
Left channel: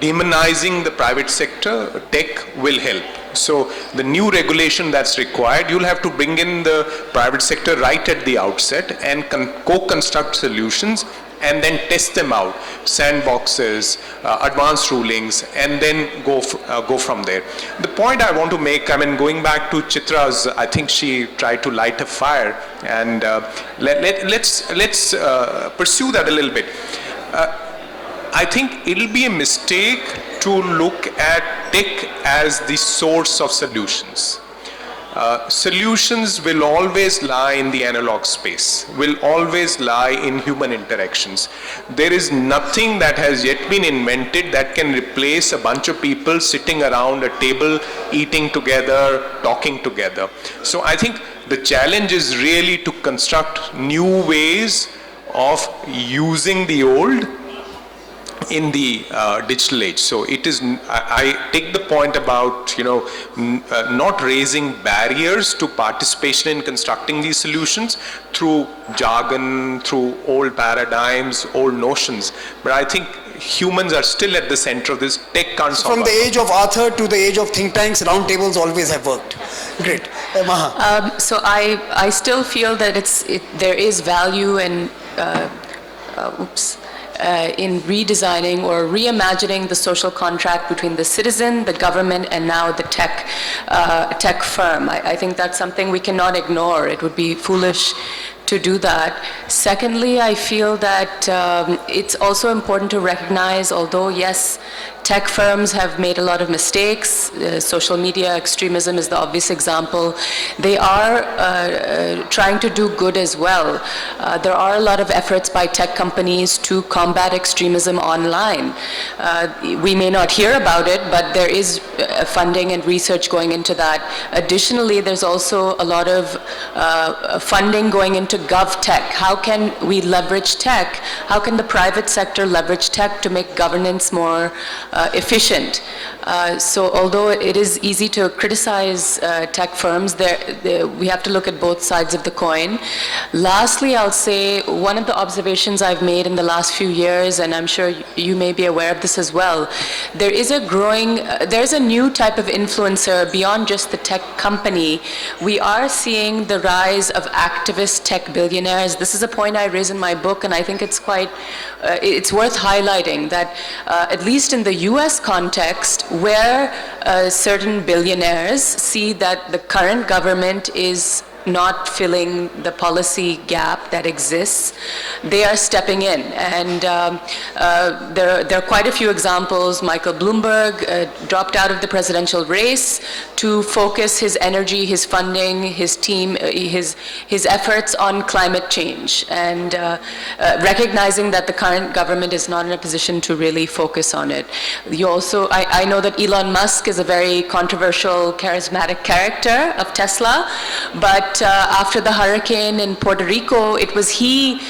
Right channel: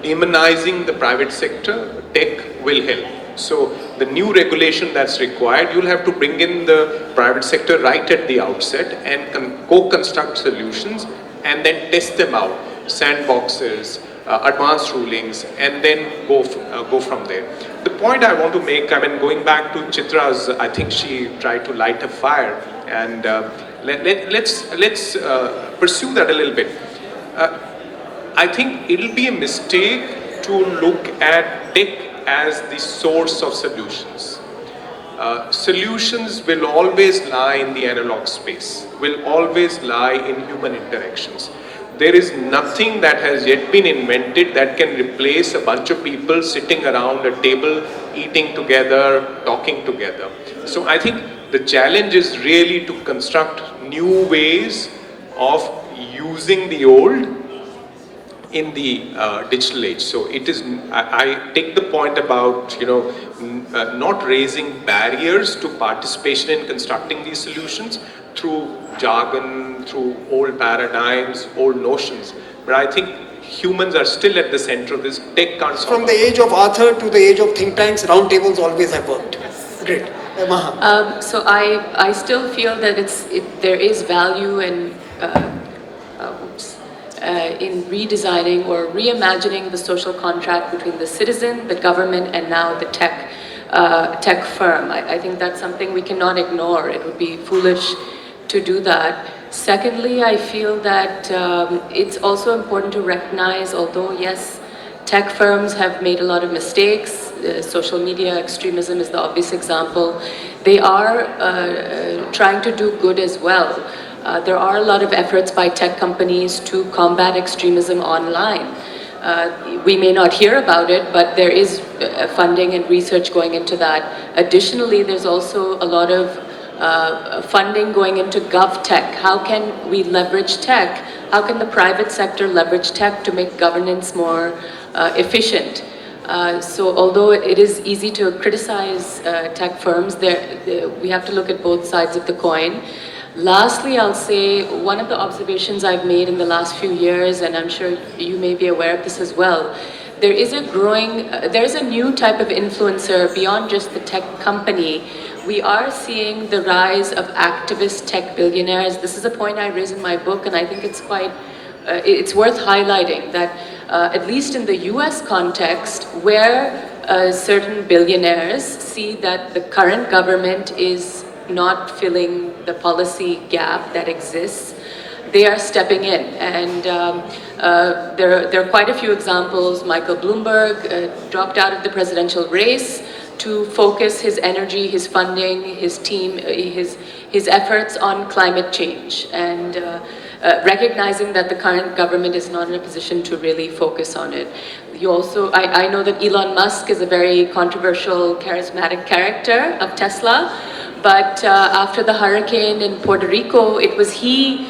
demonizing the private sector tech will help. So the new regulation that's required, you'll have to bring in the private sector right at the outset and co-construct solutions and then test them out, sandboxes, advanced rulings, and then go from there. The point I want to make, I mean, going back to Chitra's, I think she tried to light a fire, and let's pursue that a little bit. I think it'll be a mistake to look at tech as the source of solutions. Solutions will always lie in the analog space, will always lie in human interactions. There is nothing that has yet been invented that can replace a bunch of people sitting around a table, eating together, talking together. So I think the challenge is really to construct new ways of using the old in the digital age. So it is, I take the point about, not raising barriers to participation in constructing these solutions through jargon, through old paradigms, old notions. But I think humans are still at the center of this. Tech can't solve. From the age of Arthur to the age of think tanks, round tables always have worked. Great. Maha. So I still feel that there is value in in redesigning or reimagining the social contract between the citizen, the government, and now the tech firm. I think that's something we cannot ignore. It would be foolish to do that. Secondly, I feel that it's also important to recognize, although yes, tech firms have made a lot of mistakes. Social media extremism is the obvious example. They are trying to do good as well. There are a lot of efforts by tech companies to combat extremism online. We may not hear about it, but there is funding and research going into that. Additionally, there's also a lot of funding going into GovTech. How can we leverage tech? How can the private sector leverage tech to make governance more efficient? So although it is easy to criticize tech firms, we have to look at both sides of the coin. Lastly, I'll say one of the observations I've made in the last few years, and I'm sure you may be aware of this as well, there is a new type of influencer beyond just the tech company. We are seeing the rise of activist tech billionaires. This is a point I raise in my book, and I think it's it's worth highlighting that at least in the US context, where certain billionaires see that the current government is not filling the policy gap that exists, they are stepping in. And there are quite a few examples. Michael Bloomberg dropped out of the presidential race to focus his energy, his funding, his team, his efforts on climate change, and recognizing that the current government is not in a position to really focus on it. I know that Elon Musk is a very controversial, charismatic character of Tesla, but after the hurricane in Puerto Rico, it was he,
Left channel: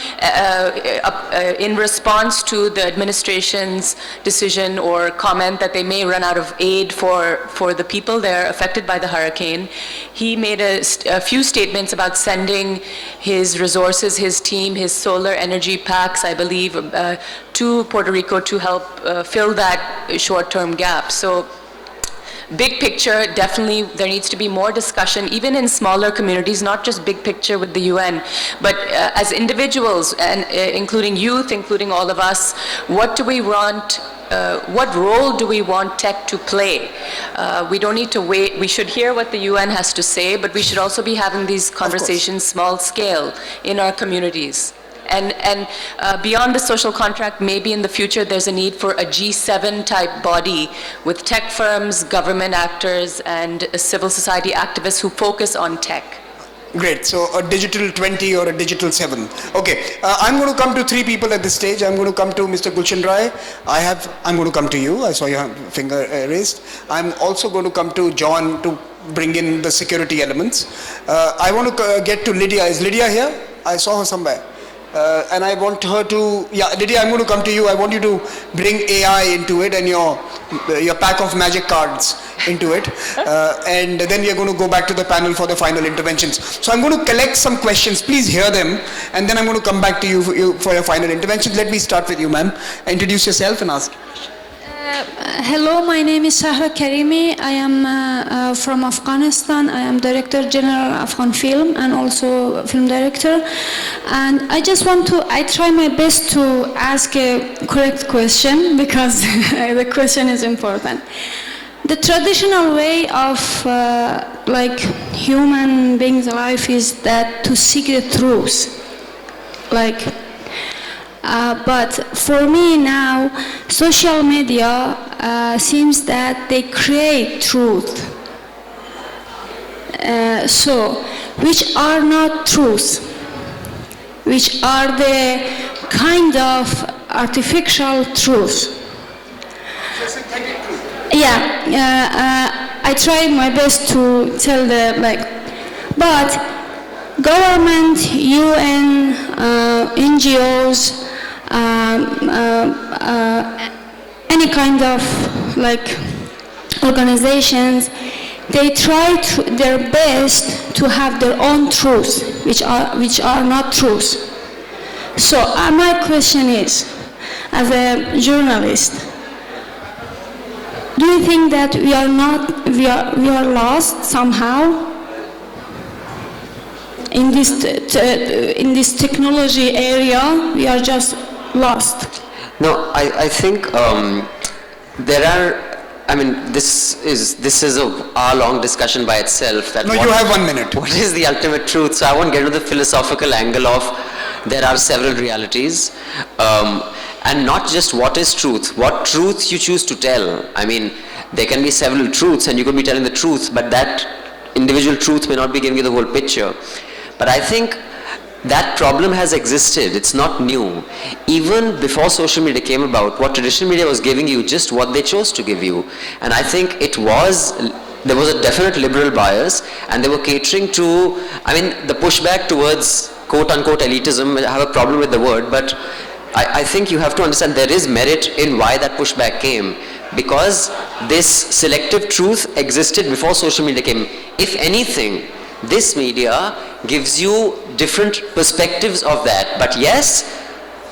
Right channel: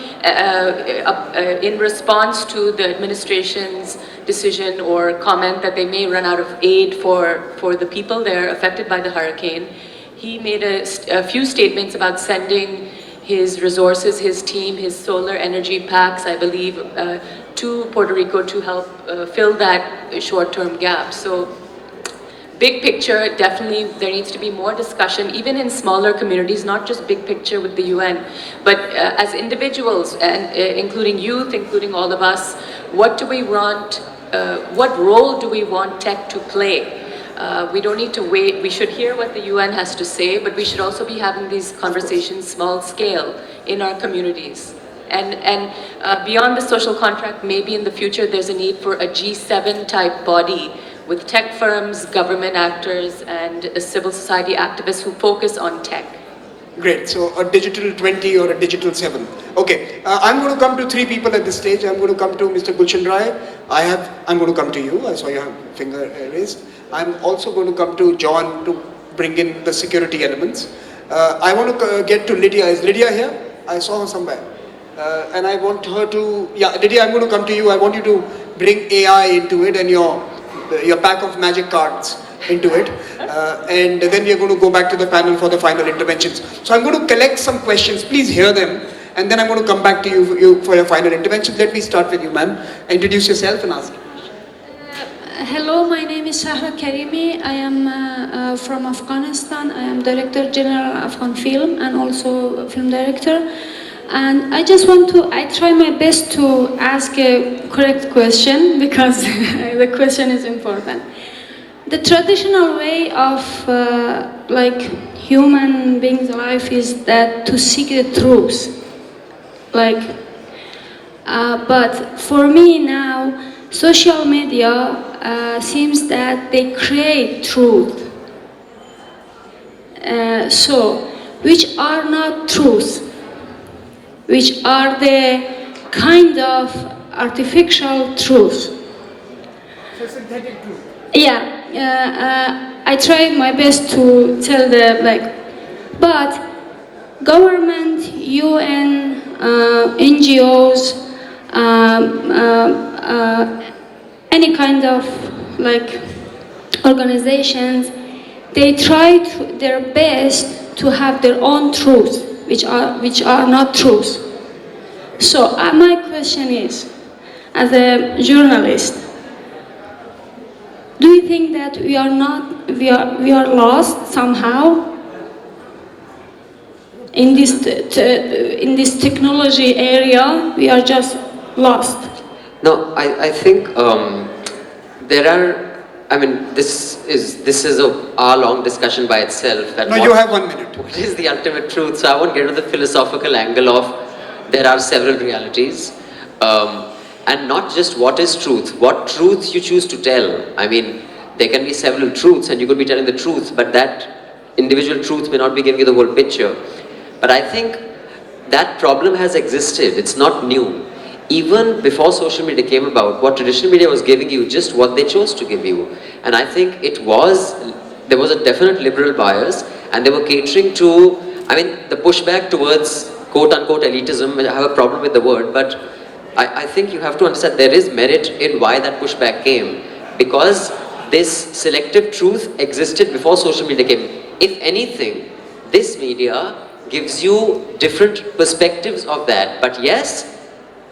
in response to the administration's decision or comment that they may run out of aid for the people there affected by the hurricane, he made a few statements about sending his resources, his team, his solar energy packs, I believe, to Puerto Rico to help fill that short-term gap. So, big picture, definitely there needs to be more discussion, even in smaller communities, not just big picture with the UN, but as individuals, and including youth, including all of us, what do we want, what role do we want tech to play? We don't need to wait. We should hear what the UN has to say, but we should also be having these conversations small scale in our communities. And beyond the social contract, maybe in the future there's a need for a G7 type body with tech firms, government actors, and civil society activists who focus on tech. Great, so a digital 20 or a digital 7. Okay, I'm going to come to three people at this stage. I'm going to come to Mr. Gulshan Rai. I'm going to come to you. I saw your finger raised. I'm also going to come to John to bring in the security elements. I want to get to Lydia. Is Lydia here? I saw her somewhere. And I want her to, Lydia, I'm going to come to you. I want you to bring AI into it and your pack of magic cards into it. And then we're going to go back to the panel for the final interventions. So I'm going to collect some questions. Please hear them. And then I'm going to come back to you for your final interventions. Let me start with you, ma'am. Introduce yourself and ask. Hello, my name is Shahra Karimi. I am from Afghanistan. I am Director General of Afghan Film and also a film director. And I just I try my best to ask a correct question because the question is important. The traditional way of like human beings' life is that to seek the truth. But for me now, social media seems that they create truth. So, which are not truth, which are the kind of artificial truth. So synthetic truth. Yeah, I tried my best to tell but government, UN, NGOs, any kind of organizations, they try their best to have their own truths, which are not truths. So my question is, as a journalist, do you think that we are lost somehow in this technology area? We are just lost. No, I think there are. I mean, this is a hour-long discussion by itself. No, you have 1 minute. What is the ultimate truth? So I won't get to the philosophical angle of there are several realities, and not just what is truth. What truth you choose to tell. I mean, there can be several truths, and you could be telling the truth, but that individual truth may not be giving you the whole picture. But I think that problem has existed. It's not new. Even before social media came about, what traditional media was giving you, just what they chose to give you. And I think there was a definite liberal bias, and they were catering to, the pushback towards quote-unquote elitism. I have a problem with the word, but I think you have to understand there is merit in why that pushback came, because this selective truth existed before social media came. If anything, this media gives you different perspectives of that. But yes,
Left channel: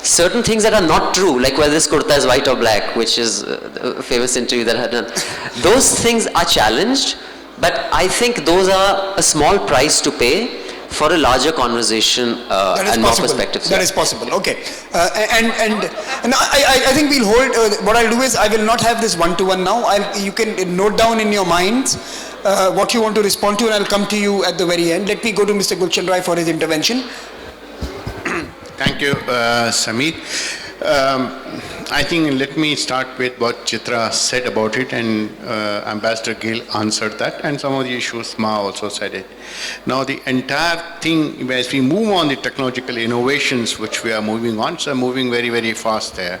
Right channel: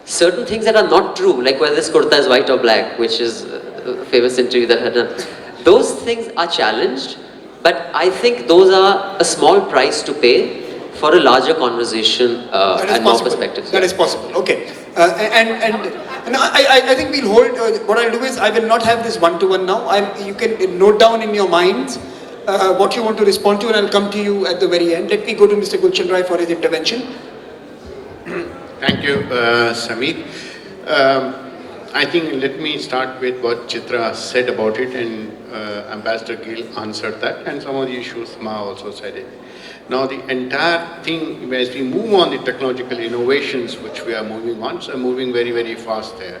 certain things that are not true, like whether this kurta is white or black, which is a famous interview that I had done, those things are challenged, but I think those are a small price to pay for a larger conversation and more perspectives. That is possible. Okay. And I think we'll hold, what I'll do is I will not have this one-to-one now. You can note down in your minds what you want to respond to, and I'll come to you at the very end. Let me go to Mr. Gulshan Roy for his intervention. Thank you, Samir. I think let me start with what Chitra said about it, and Ambassador Gill answered that, and some of the issues Maha also said it. Now the entire thing, as we move on the technological innovations which we are moving on, so moving very, very fast there.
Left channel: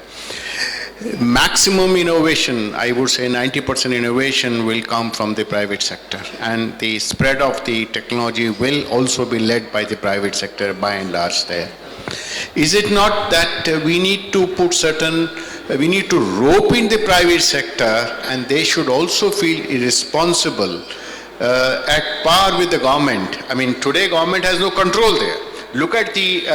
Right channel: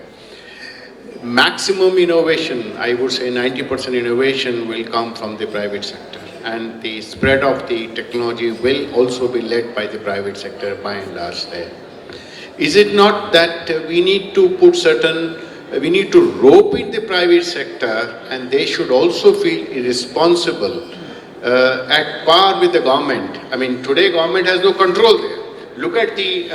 Maximum innovation, I would say 90% innovation will come from the private sector, and the spread of the technology will also be led by the private sector by and large there. Is it not that we need to we need to rope in the private sector, and they should also feel irresponsible at par with the government? I mean, today government has no control there. Look at the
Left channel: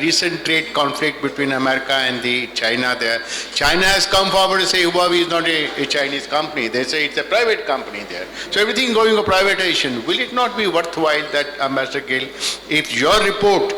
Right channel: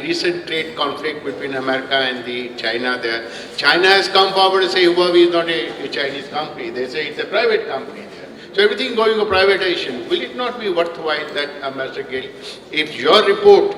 recent trade conflict between America and China there. China has come forward to say Huawei is not a Chinese company. They say it's a private company there. So everything going to privatization. Will it not be worthwhile that, Ambassador Gill, if your report,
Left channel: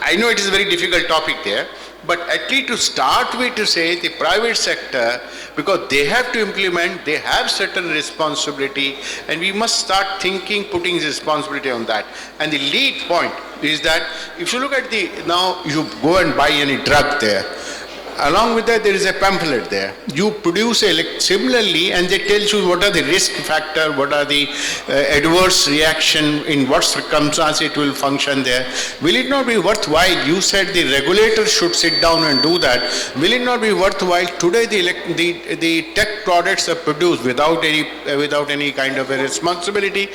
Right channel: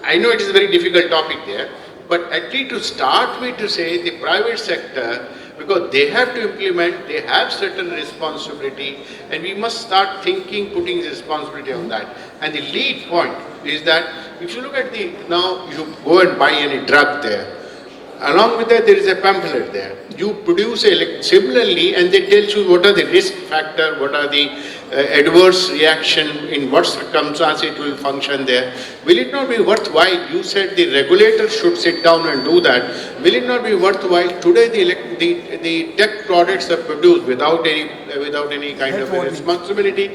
I know it is a very difficult topic there, but at least to start with, to say the private sector, because they have to implement, they have certain responsibility, and we must start thinking, putting responsibility on that. And the lead point is that if you look at now you go and buy any drug there, along with that there is a pamphlet there. You produce similarly, and they tell you what are the risk factor, what are the adverse reaction, in what circumstances it will function there. Will it not be worthwhile? You said the regulator should sit down and do that. Will it not be worthwhile? Today the tech products are produced without any kind of a responsibility.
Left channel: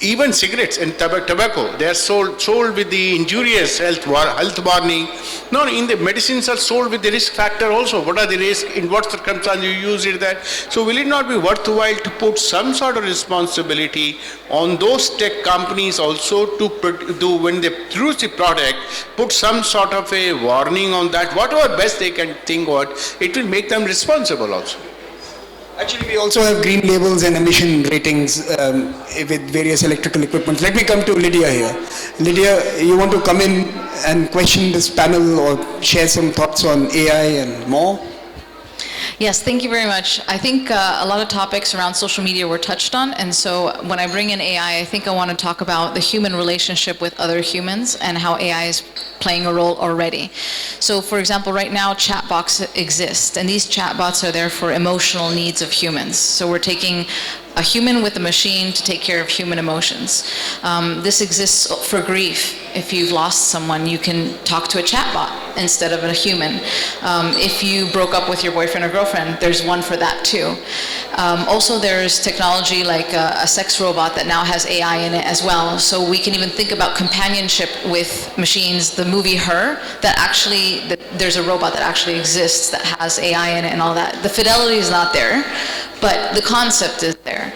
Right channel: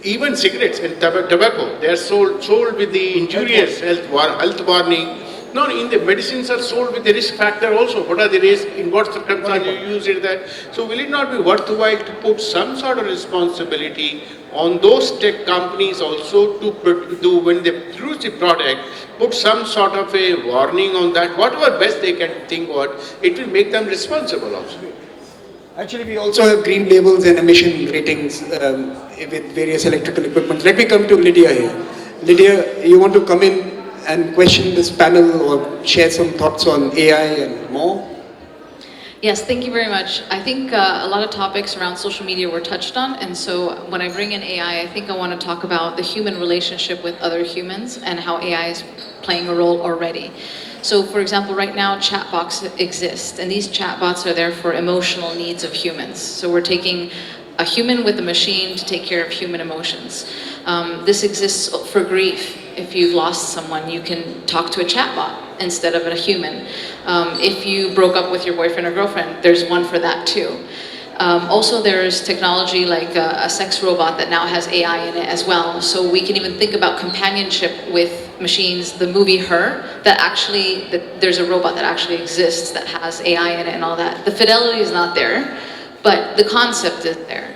Even cigarettes and tobacco, they are sold with the injurious health warning. No, in the medicines are sold with the risk factor also. What are the risks? In what circumstances you use it there? So will it not be worthwhile to put some sort of responsibility on those tech companies also to do, when they produce the product, put some sort of a warning on that, whatever best they can think what, it will make them responsible also. Actually, we also have green labels and emission ratings with various electrical equipment. Let me come to Lydia here. Lydia, you want to come in and question this panel or share some thoughts on AI and more? Yes, thank you very much. I think a lot of topics around social media were touched on, and so when I bring in AI, I think I want to talk about the human relationship with other humans and how AI is playing a role already. So for example, right now chatbots exist, and these chatbots are there for emotional needs of humans. So we're taking a human with a machine to take care of human emotions. This exists for grief. If you've lost someone, you can talk to a chatbot instead of a human. If you broke up with your boyfriend or girlfriend, there's one for that too. Also, there's technology like a sex robot that now has AI in it as well. So we can even think about companionship with machines. The movie Her, there's a robot that actually exists that has AI in it and all that. The fidelity is not there, but the concept is there.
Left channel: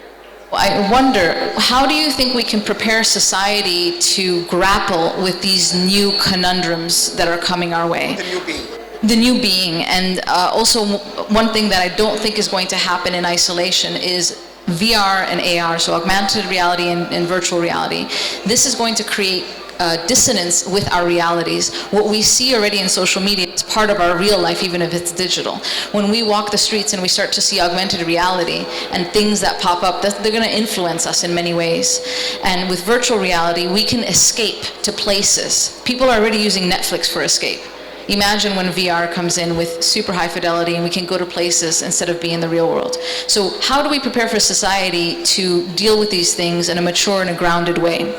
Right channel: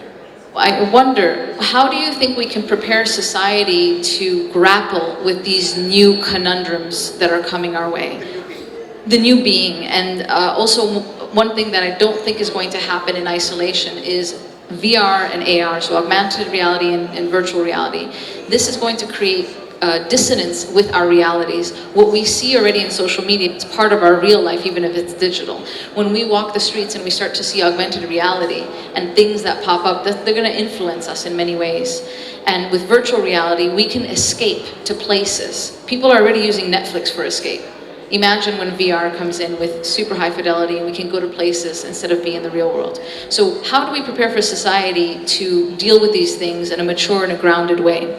I wonder, how do you think we can prepare society to grapple with these new conundrums that are coming our way? The new being. And also one thing that I don't think is going to happen in isolation is VR and AR, so augmented reality and virtual reality. This is going to create dissonance with our realities. What we see already in social media is part of our real life, even if it's digital. When we walk the streets and we start to see augmented reality and things that pop up, they're going to influence us in many ways. And with virtual reality, we can escape to places. People are already using Netflix for escape. Imagine when VR comes in with super high fidelity and we can go to places instead of being in the real world. So how do we prepare for society to deal with these things in a mature and a grounded way?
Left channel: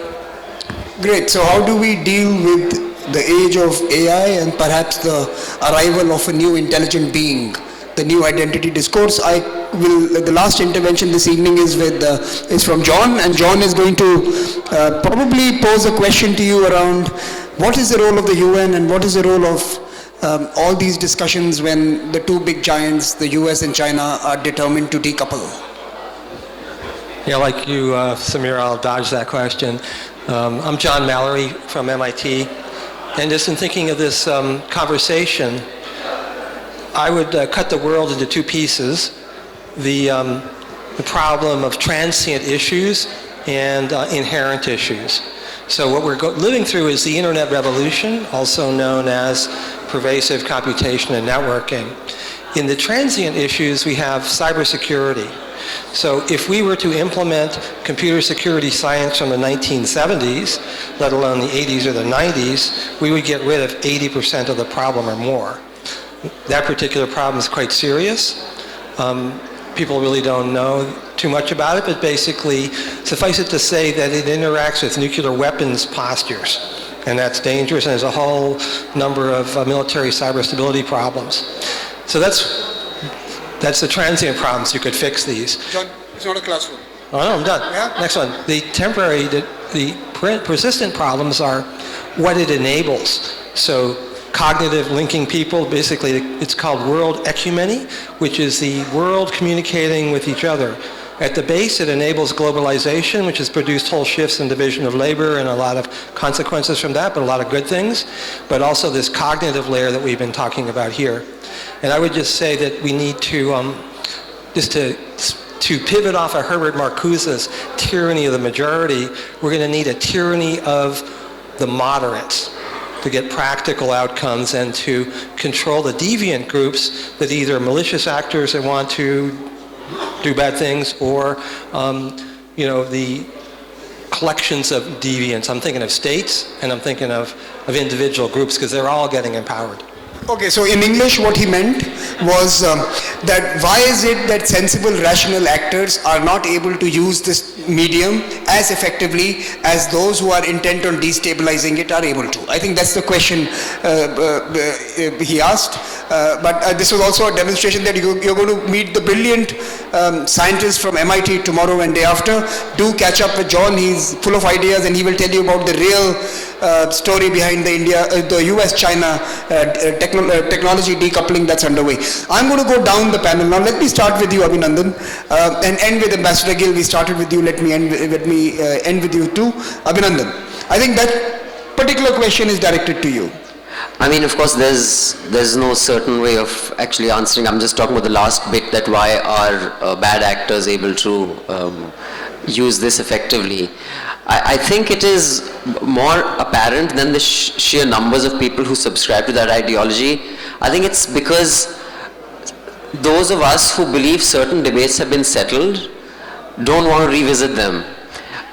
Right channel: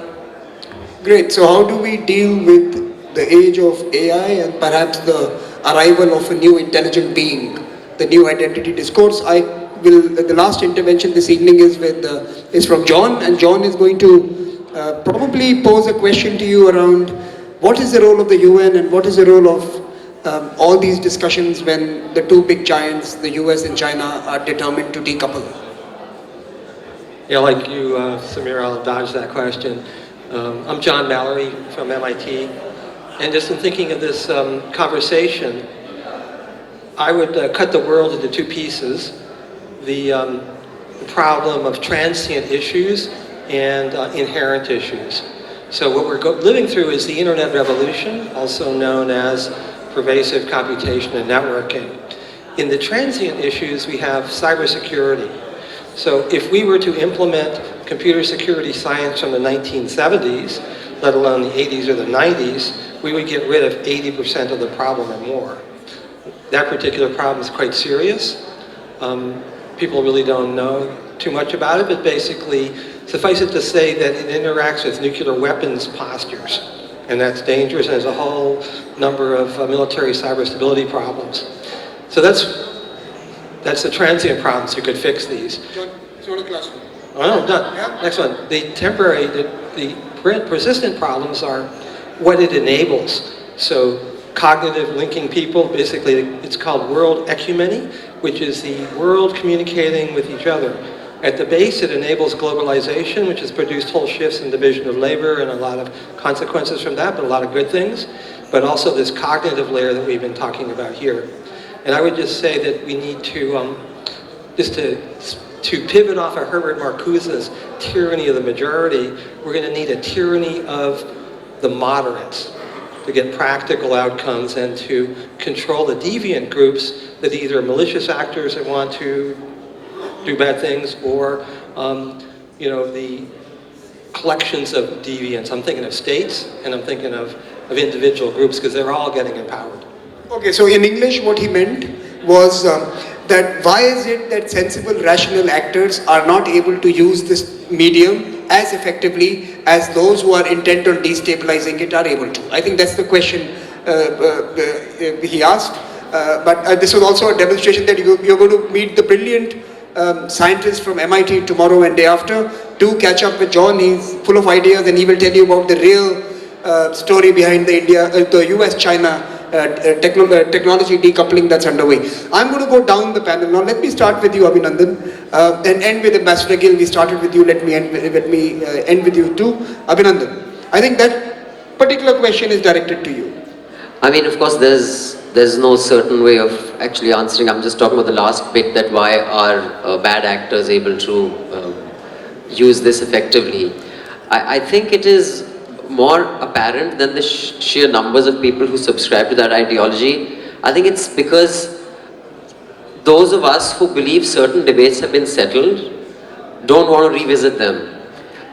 Great. So how do we deal with the age of AI and perhaps the arrival of a new intelligent being, the new identity discourse? The last intervention this evening is from John, and John is going to probably pose a question to you around what is the role of the UN and what is the role of all these discussions when the two big giants, the US and China, are determined to decouple? Yeah, like you, Samir, I'll dodge that question. I'm John Mallory from MIT, and just in thinking of this conversation, I would cut the world into two pieces: the problem of transient issues and inherent issues. So what we're living through is the internet revolution, also known as pervasive computation and networking. In the transient issues, we have cybersecurity. So if we were to implement computer security science from the 1970s, let alone the 80s or the 90s, we would get rid of 80% of the problem or more. That particular problem is quite serious. People really don't know too much about it, but basically, suffice it to say that it interacts with nuclear weapons postures, and that's dangerous, and there's a whole number of military cyber stability problems. So that's the transient problems. You could fix these. John, it's not a classroom. Oh, no, I'm done. Yeah. Next one. The temporary, the persistent problems are what it enables. So cognitive linking people, basically it's called world ecumeny, which is the world communicating with each other. At the base, it enables globalization, which has produced whole shifts in division of labor and a lot of consequences from that, but a lot of good things. But also this cognitive layer that we've been talking about here. And I would just say that we need to, to pivot off of Herbert Marcuse's tyranny of the majority, we're going to need a tyranny of the moderates to get practical outcomes and to control the deviant groups that either are malicious actors that want to do bad things or, the collections of deviants. I'm thinking of states and I'm thinking of individual groups because they're all getting empowered. Okay, so in English what he meant was that why is it that sensible, rational actors are not able to use this medium as effectively as those who are intent on destabilizing it are able to? I think that's the question he asked. But this was also a demonstration that you're going to meet the brilliant scientists from MIT tomorrow and day after. Do catch up with John. He's full of ideas and he will tell you about the real story behind the US-China technology decoupling that's underway. I'm going to go down the panel now. Let me start with you, Abhinandan, and end with Ambassador Gill. We started with you. Let me end with you too, Abhinandan. I think that particular question is directed to you. I mean, of course, there's no certain way of actually answering. I'm just talking about the last bit, that why are bad actors able to use this effectively. I think it is more apparent than the sheer numbers of people who subscribe to that ideology. I think it's because those of us who believe certain debates have been settled don't want to revisit them.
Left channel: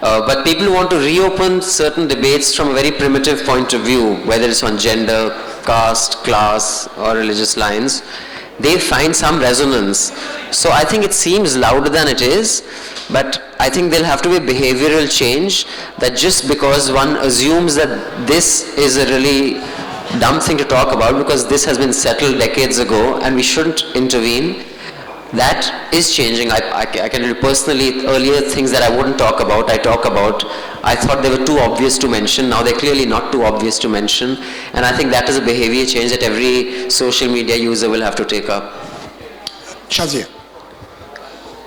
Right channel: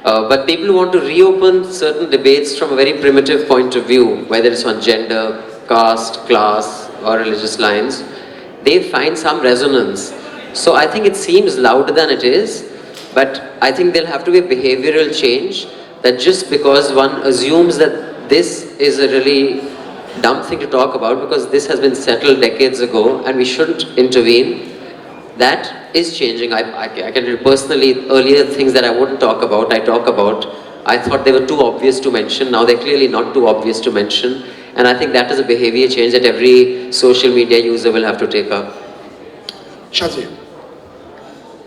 But people who want to reopen certain debates from a very primitive point of view, whether it's on gender, caste, class, or religious lines, they find some resonance. So I think it seems louder than it is, but I think there'll have to be behavioral change, that just because one assumes that this is a really dumb thing to talk about because this has been settled decades ago and we shouldn't intervene, that is changing. I can personally, earlier things that I wouldn't talk about, I talk about. I thought they were too obvious to mention. Now they're clearly not too obvious to mention. And I think that is a behavior change that every social media user will have to take up. Shazia.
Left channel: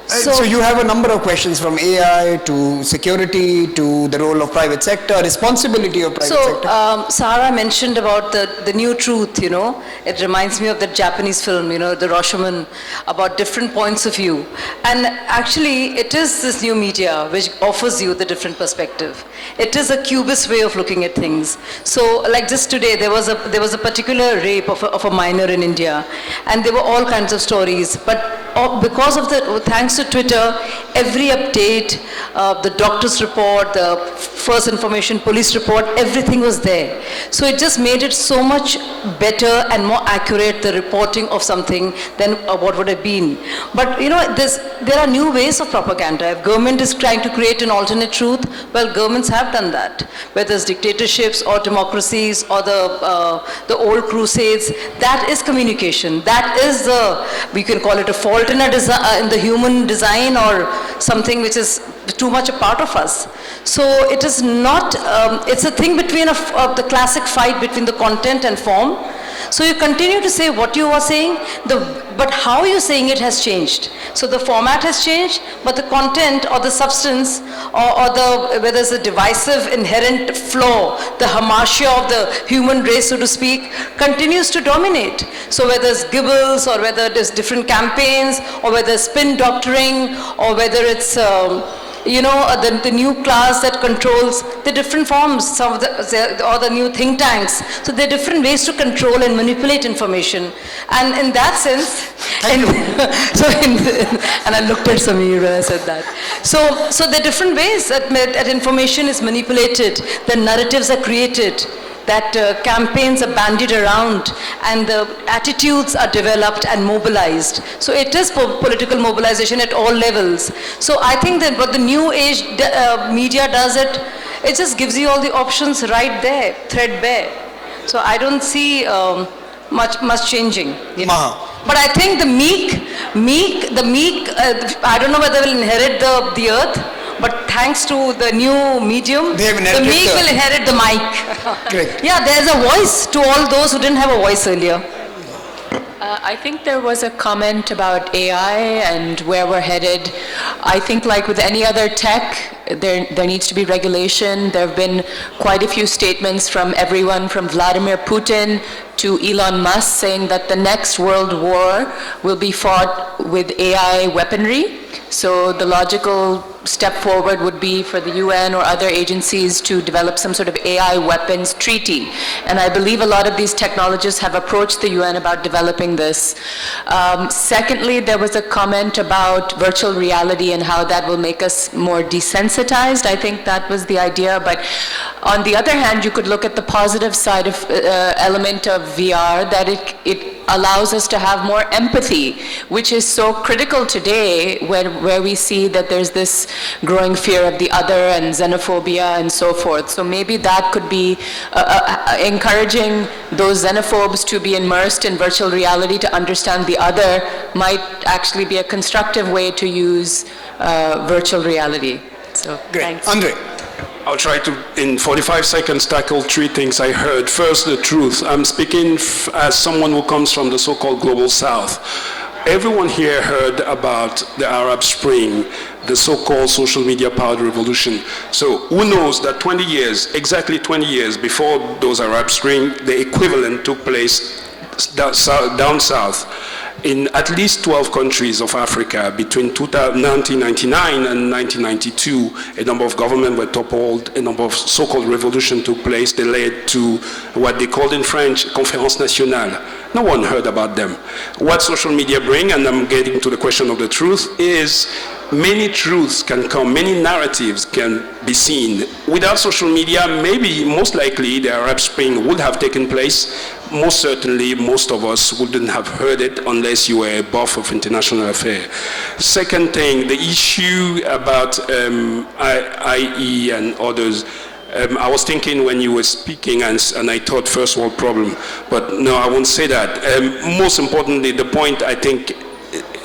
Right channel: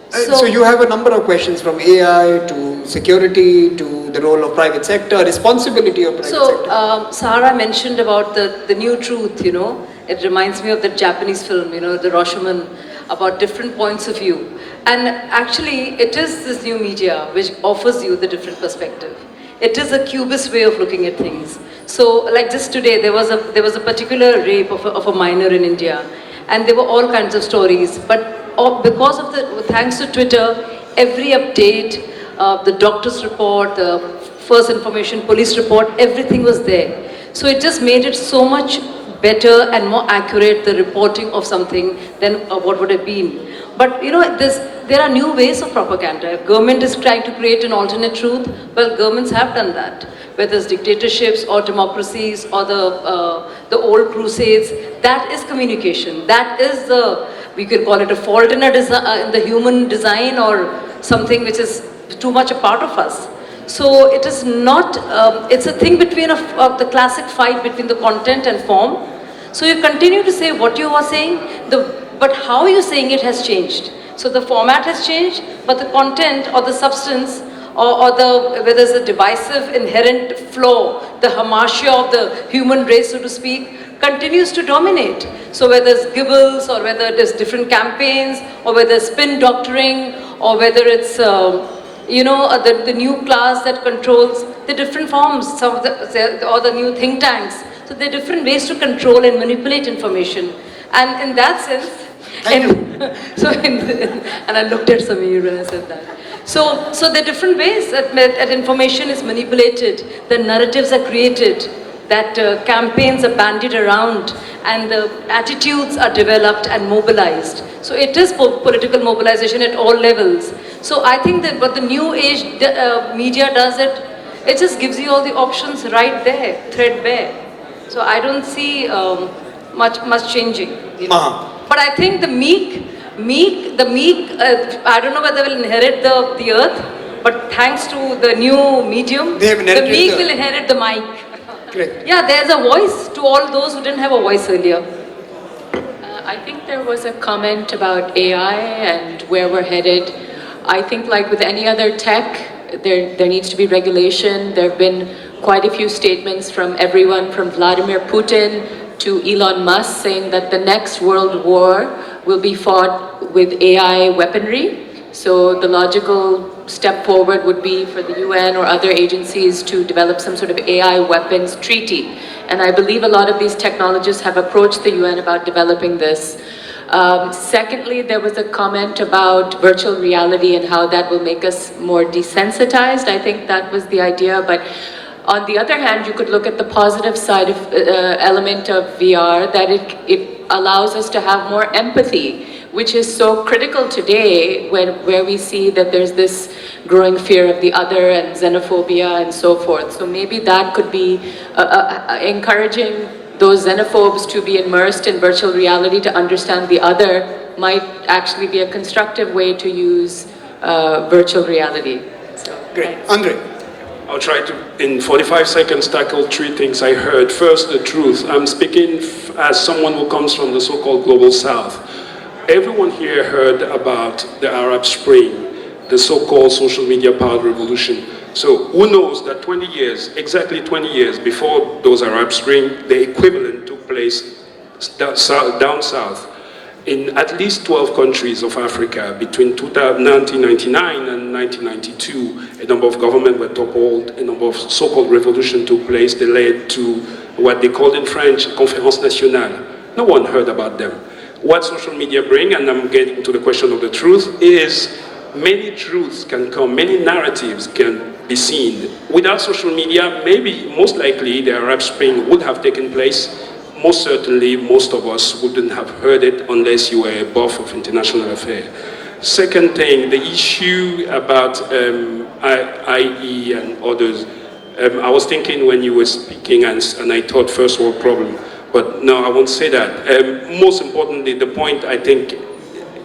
So you have a number of questions, from AI to security to the role of private sector, responsibility of private sector. Sarah mentioned about the new truth, you know. It reminds me of that Japanese film, you know, the Rashomon, about different points of view. And actually, it is this new media which offers you the different perspective. It is a cubist way of looking at things. So, like just today, there was a particular rape of a minor in India, and there were all kinds of stories. But because of thanks to Twitter, every update, the doctor's report, the first information, police report, everything was there. So it just made it so much better and more accurate, the reporting of something, than what would have been. But you know, there are new ways of propaganda. If government is trying to create an alternate truth, well, governments have done that. Whether it's dictatorships or democracies or the old crusades, that is communication. That is we can call it a fault in the human design, or something which is too much a part of us. So it is not, it's a thing between the classic fight between the content and form. So you continue to say what you are saying, but how you're saying it has changed. So the format has changed, but the content or the substance or whether there's a divisive inherent flaw, the hamartia of the human race, so to speak, continues to dominate. So whether it's Gibbles, or whether it is different campaigns, or whether it's spin doctoring, or whether it's you know, the new class that controls the different forms, or the new think tanks. So there are different ways to control and manipulate information. And in that sense, and I looked at Samir when I said that. So there are different ways that information is manipulated, the narratives are created, that campaigns are bandied around, and the attitudes are developed and mobilized. So it is political mobilization at all levels. So I think that what the new age media does, it just gives you all the options right there, threadbare. So I don't see much changing. Maha. But I think the meek, I don't know whether they'll inherit the earth, but thanks to the new medium, the meek will inherit the mic. Great. Yeah, there's a voice to all those who didn't have a voice earlier. I think there was a comment about AI and where we're headed. I think, like with any other tech, there needs to be regulation. There have been quite a few statements from everyone from Vladimir Putin to Elon Musk saying that the next world war will be fought with AI weaponry. So the logical step forward would be for the UN or other agencies to develop some sort of AI weapons treaty. And I believe a lot of these technologists have approached the UN about developing this. Secondly, there was a comment about virtual reality and how that will make us more desensitized. I think that was the idea. But on the other hand, you could look at the positive side of element of VR, that it allows us to have more empathy, which is so critical today where we see that there's this growing fear of the other and xenophobia and so forth. So maybe that could be encouraging those xenophobes to be immersed in virtual reality to understand the other might actually be a constructive way to use virtual reality. So, great. Thanks. Andre. I'll try to, in 45 seconds, tackle three things I heard. First, the truth. I'm speaking as someone who comes from the so-called Global South. Everyone here heard about the Arab Spring, the so-called social media powered revolution. So who knows that 20 years, exactly 20 years before those Arab Spring, the equivalent took place down south in at least 12 countries of Africa. Between 1999 and 1992, a number of governments were toppled, a number of so-called revolutions took place. They led to what they called in French, Conférence Nationale. No one heard about them. What social media bring, and I'm getting to the question of the truth, is many truths can come, many narratives can be seen. Without social media, maybe, most likely, the Arab Spring would have taken place. Most certainly, most of us wouldn't have heard it unless you were a buff of international affairs. Second thing, the issue about IE and others. I was thinking when you were speaking, and I thought first world problem, but no, I won't say that. Most importantly, the point I think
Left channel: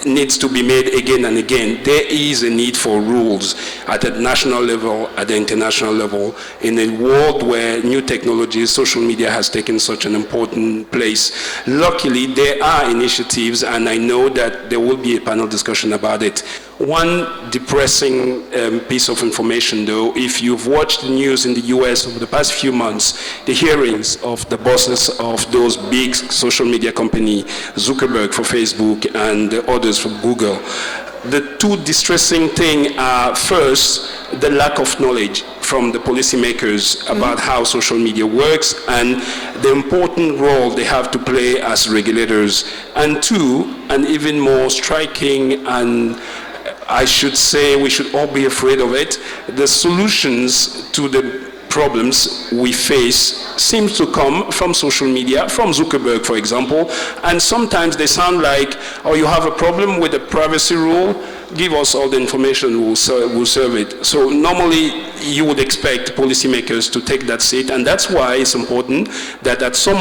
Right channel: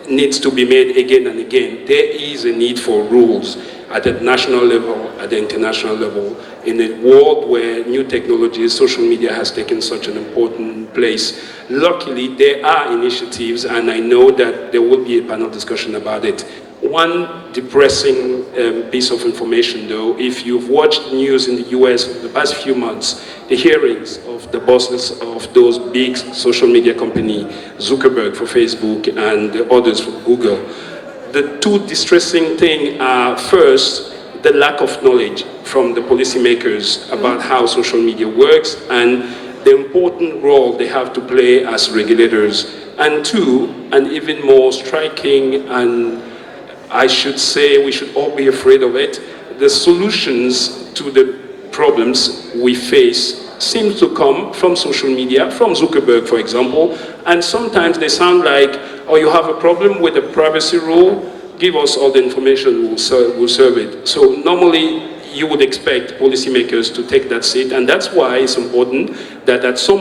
needs to be made again and again. There is a need for rules at the national level, at the international level, in a world where new technologies, social media has taken such an important place. Luckily, there are initiatives, and I know that there will be a panel discussion about it. One depressing piece of information, though, if you've watched the news in the US over the past few months, the hearings of the bosses of those big social media companies, Zuckerberg for Facebook and the others for Google, the two distressing things are, first, the lack of knowledge from the policymakers about how social media works and the important role they have to play as regulators. And two, and even more striking, and I should say we should all be afraid of it, the solutions to the problems we face seems to come from social media, from Zuckerberg, for example, and sometimes they sound like, oh, you have a problem with a privacy rule, give us all the information, we'll serve it. So normally you would expect policymakers to take that seat, and that's why it's important that at some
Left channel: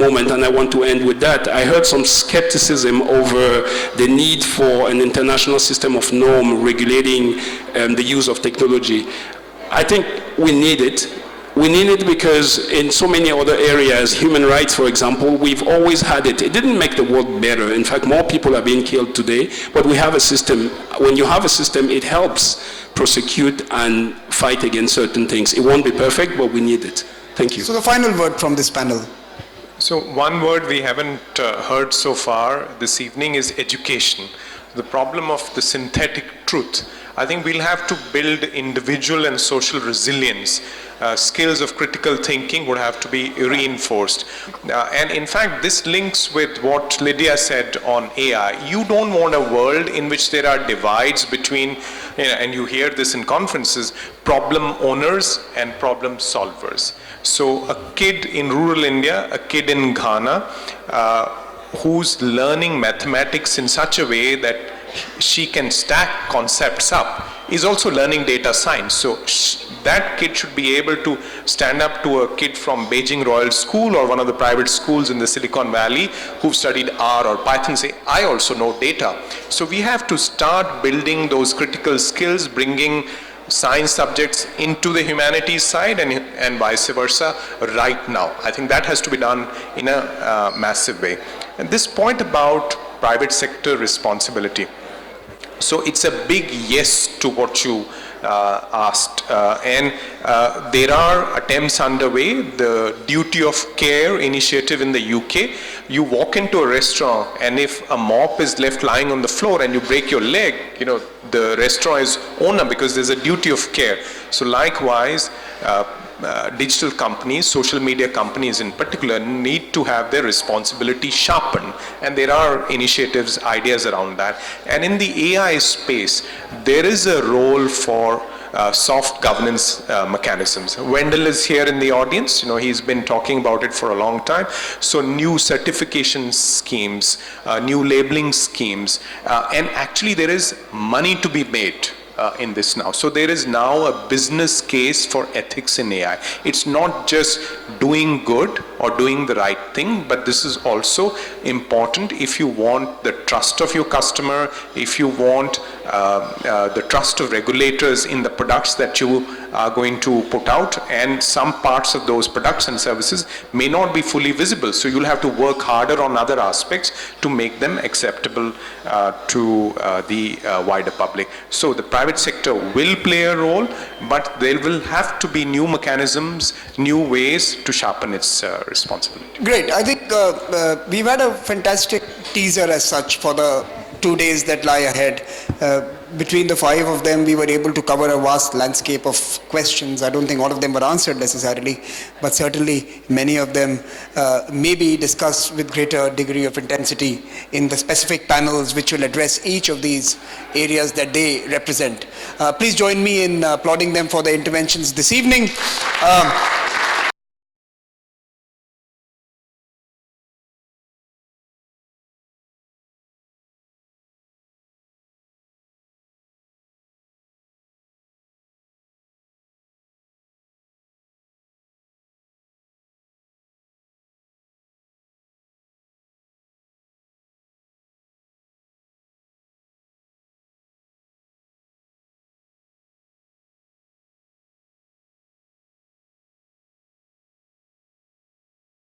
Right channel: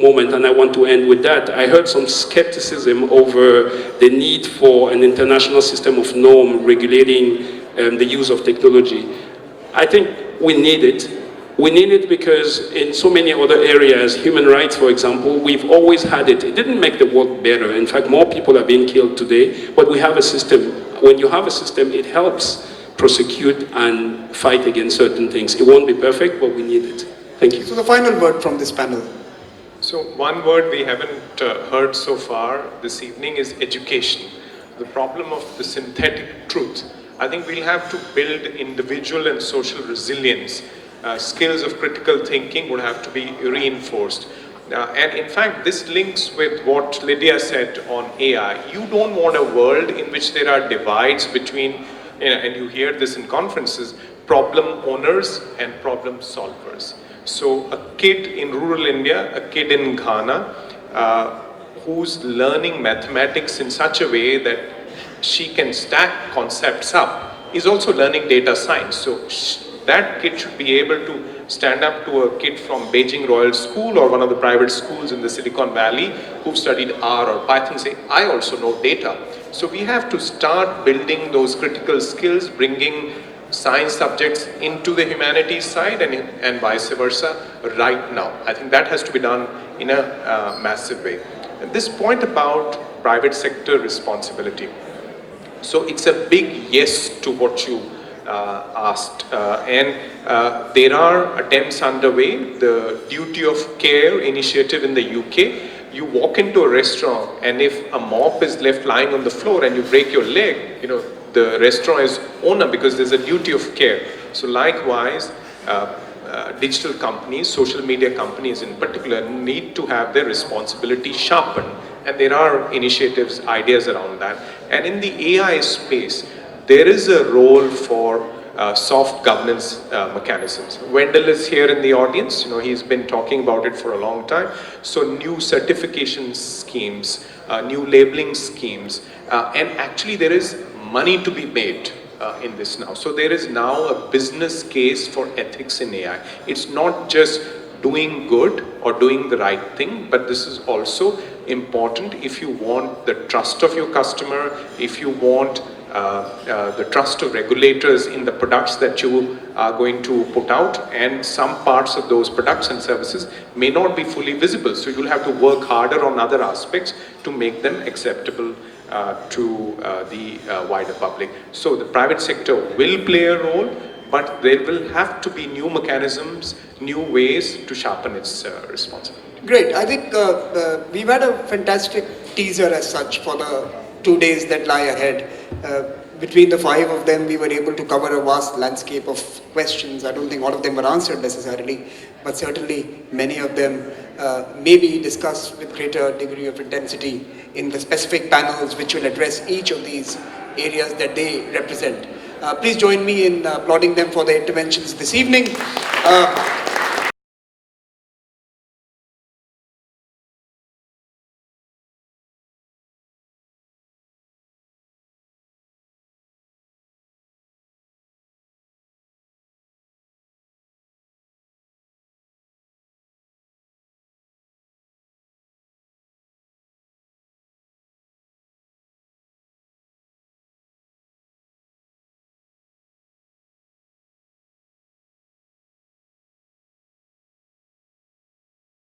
moment, and I want to end with that, I heard some skepticism over the need for an international system of norm regulating the use of technology. I think we need it. We need it because in so many other areas, human rights, for example, we've always had it. It didn't make the world better. In fact, more people are being killed today, but we have a system. When you have a system, it helps prosecute and fight against certain things. It won't be perfect, but we need it. Thank you. So the final word from this panel. So one word we haven't heard so far this evening is education. The problem of the synthetic truth. I think we'll have to build individual and social resilience. Skills of critical thinking would have to be reinforced. And in fact, this links with what Lydia said on AI. You don't want a world in which there are divides between, and you hear this in conferences, problem owners and problem solvers. So a kid in rural India, a kid in Ghana, who's learning mathematics in such a way that she can stack concepts up, is also learning data science. So that kid should be able to stand up to a kid from Beijing Royal School or one of the private schools in the Silicon Valley who've studied R or Python, say, I also know data. So we have to start building those critical skills, bringing science subjects into the humanities side and vice versa right now. I think that has to be done in a massive way. And this point about private sector responsibility. So it's a big yes to what you asked, and there are attempts underway. The Duty of Care initiative in the UK, you walk into a restaurant and if a mop is left lying on the floor and you break your leg, the restaurant is owner because there's a duty of care. So likewise, digital companies, social media companies in particular, need to have their responsibility sharpened, and there are initiatives, ideas around that. And in the AI space, there is a role for soft governance mechanisms. Wendell is here in the audience. He's been talking about it for a long time. So new certification schemes, new labeling schemes, and actually there is money to be made in this now. So there is now a business case for ethics in AI. It's not just doing good or doing the right thing, but this is also important if you want the trust of your customer, if you want the trust of regulators in the products that you are going to put out, and some parts of those products and services may not be fully visible. So you'll have to work harder on other aspects to make them acceptable to the wider public. So the private sector will play a role, but there will have to be new mechanisms, new ways to sharpen its responsibility. Great. I think we've had a fantastic teaser as such for the 2 days that lie ahead. Between the 5 of them, we were able to cover a vast landscape of questions. I don't think all of them were answered necessarily, but certainly many of them may be discussed with greater degree of intensity in the specific panels which will address each of these areas that they represent. Please join me in applauding them for their interventions this evening.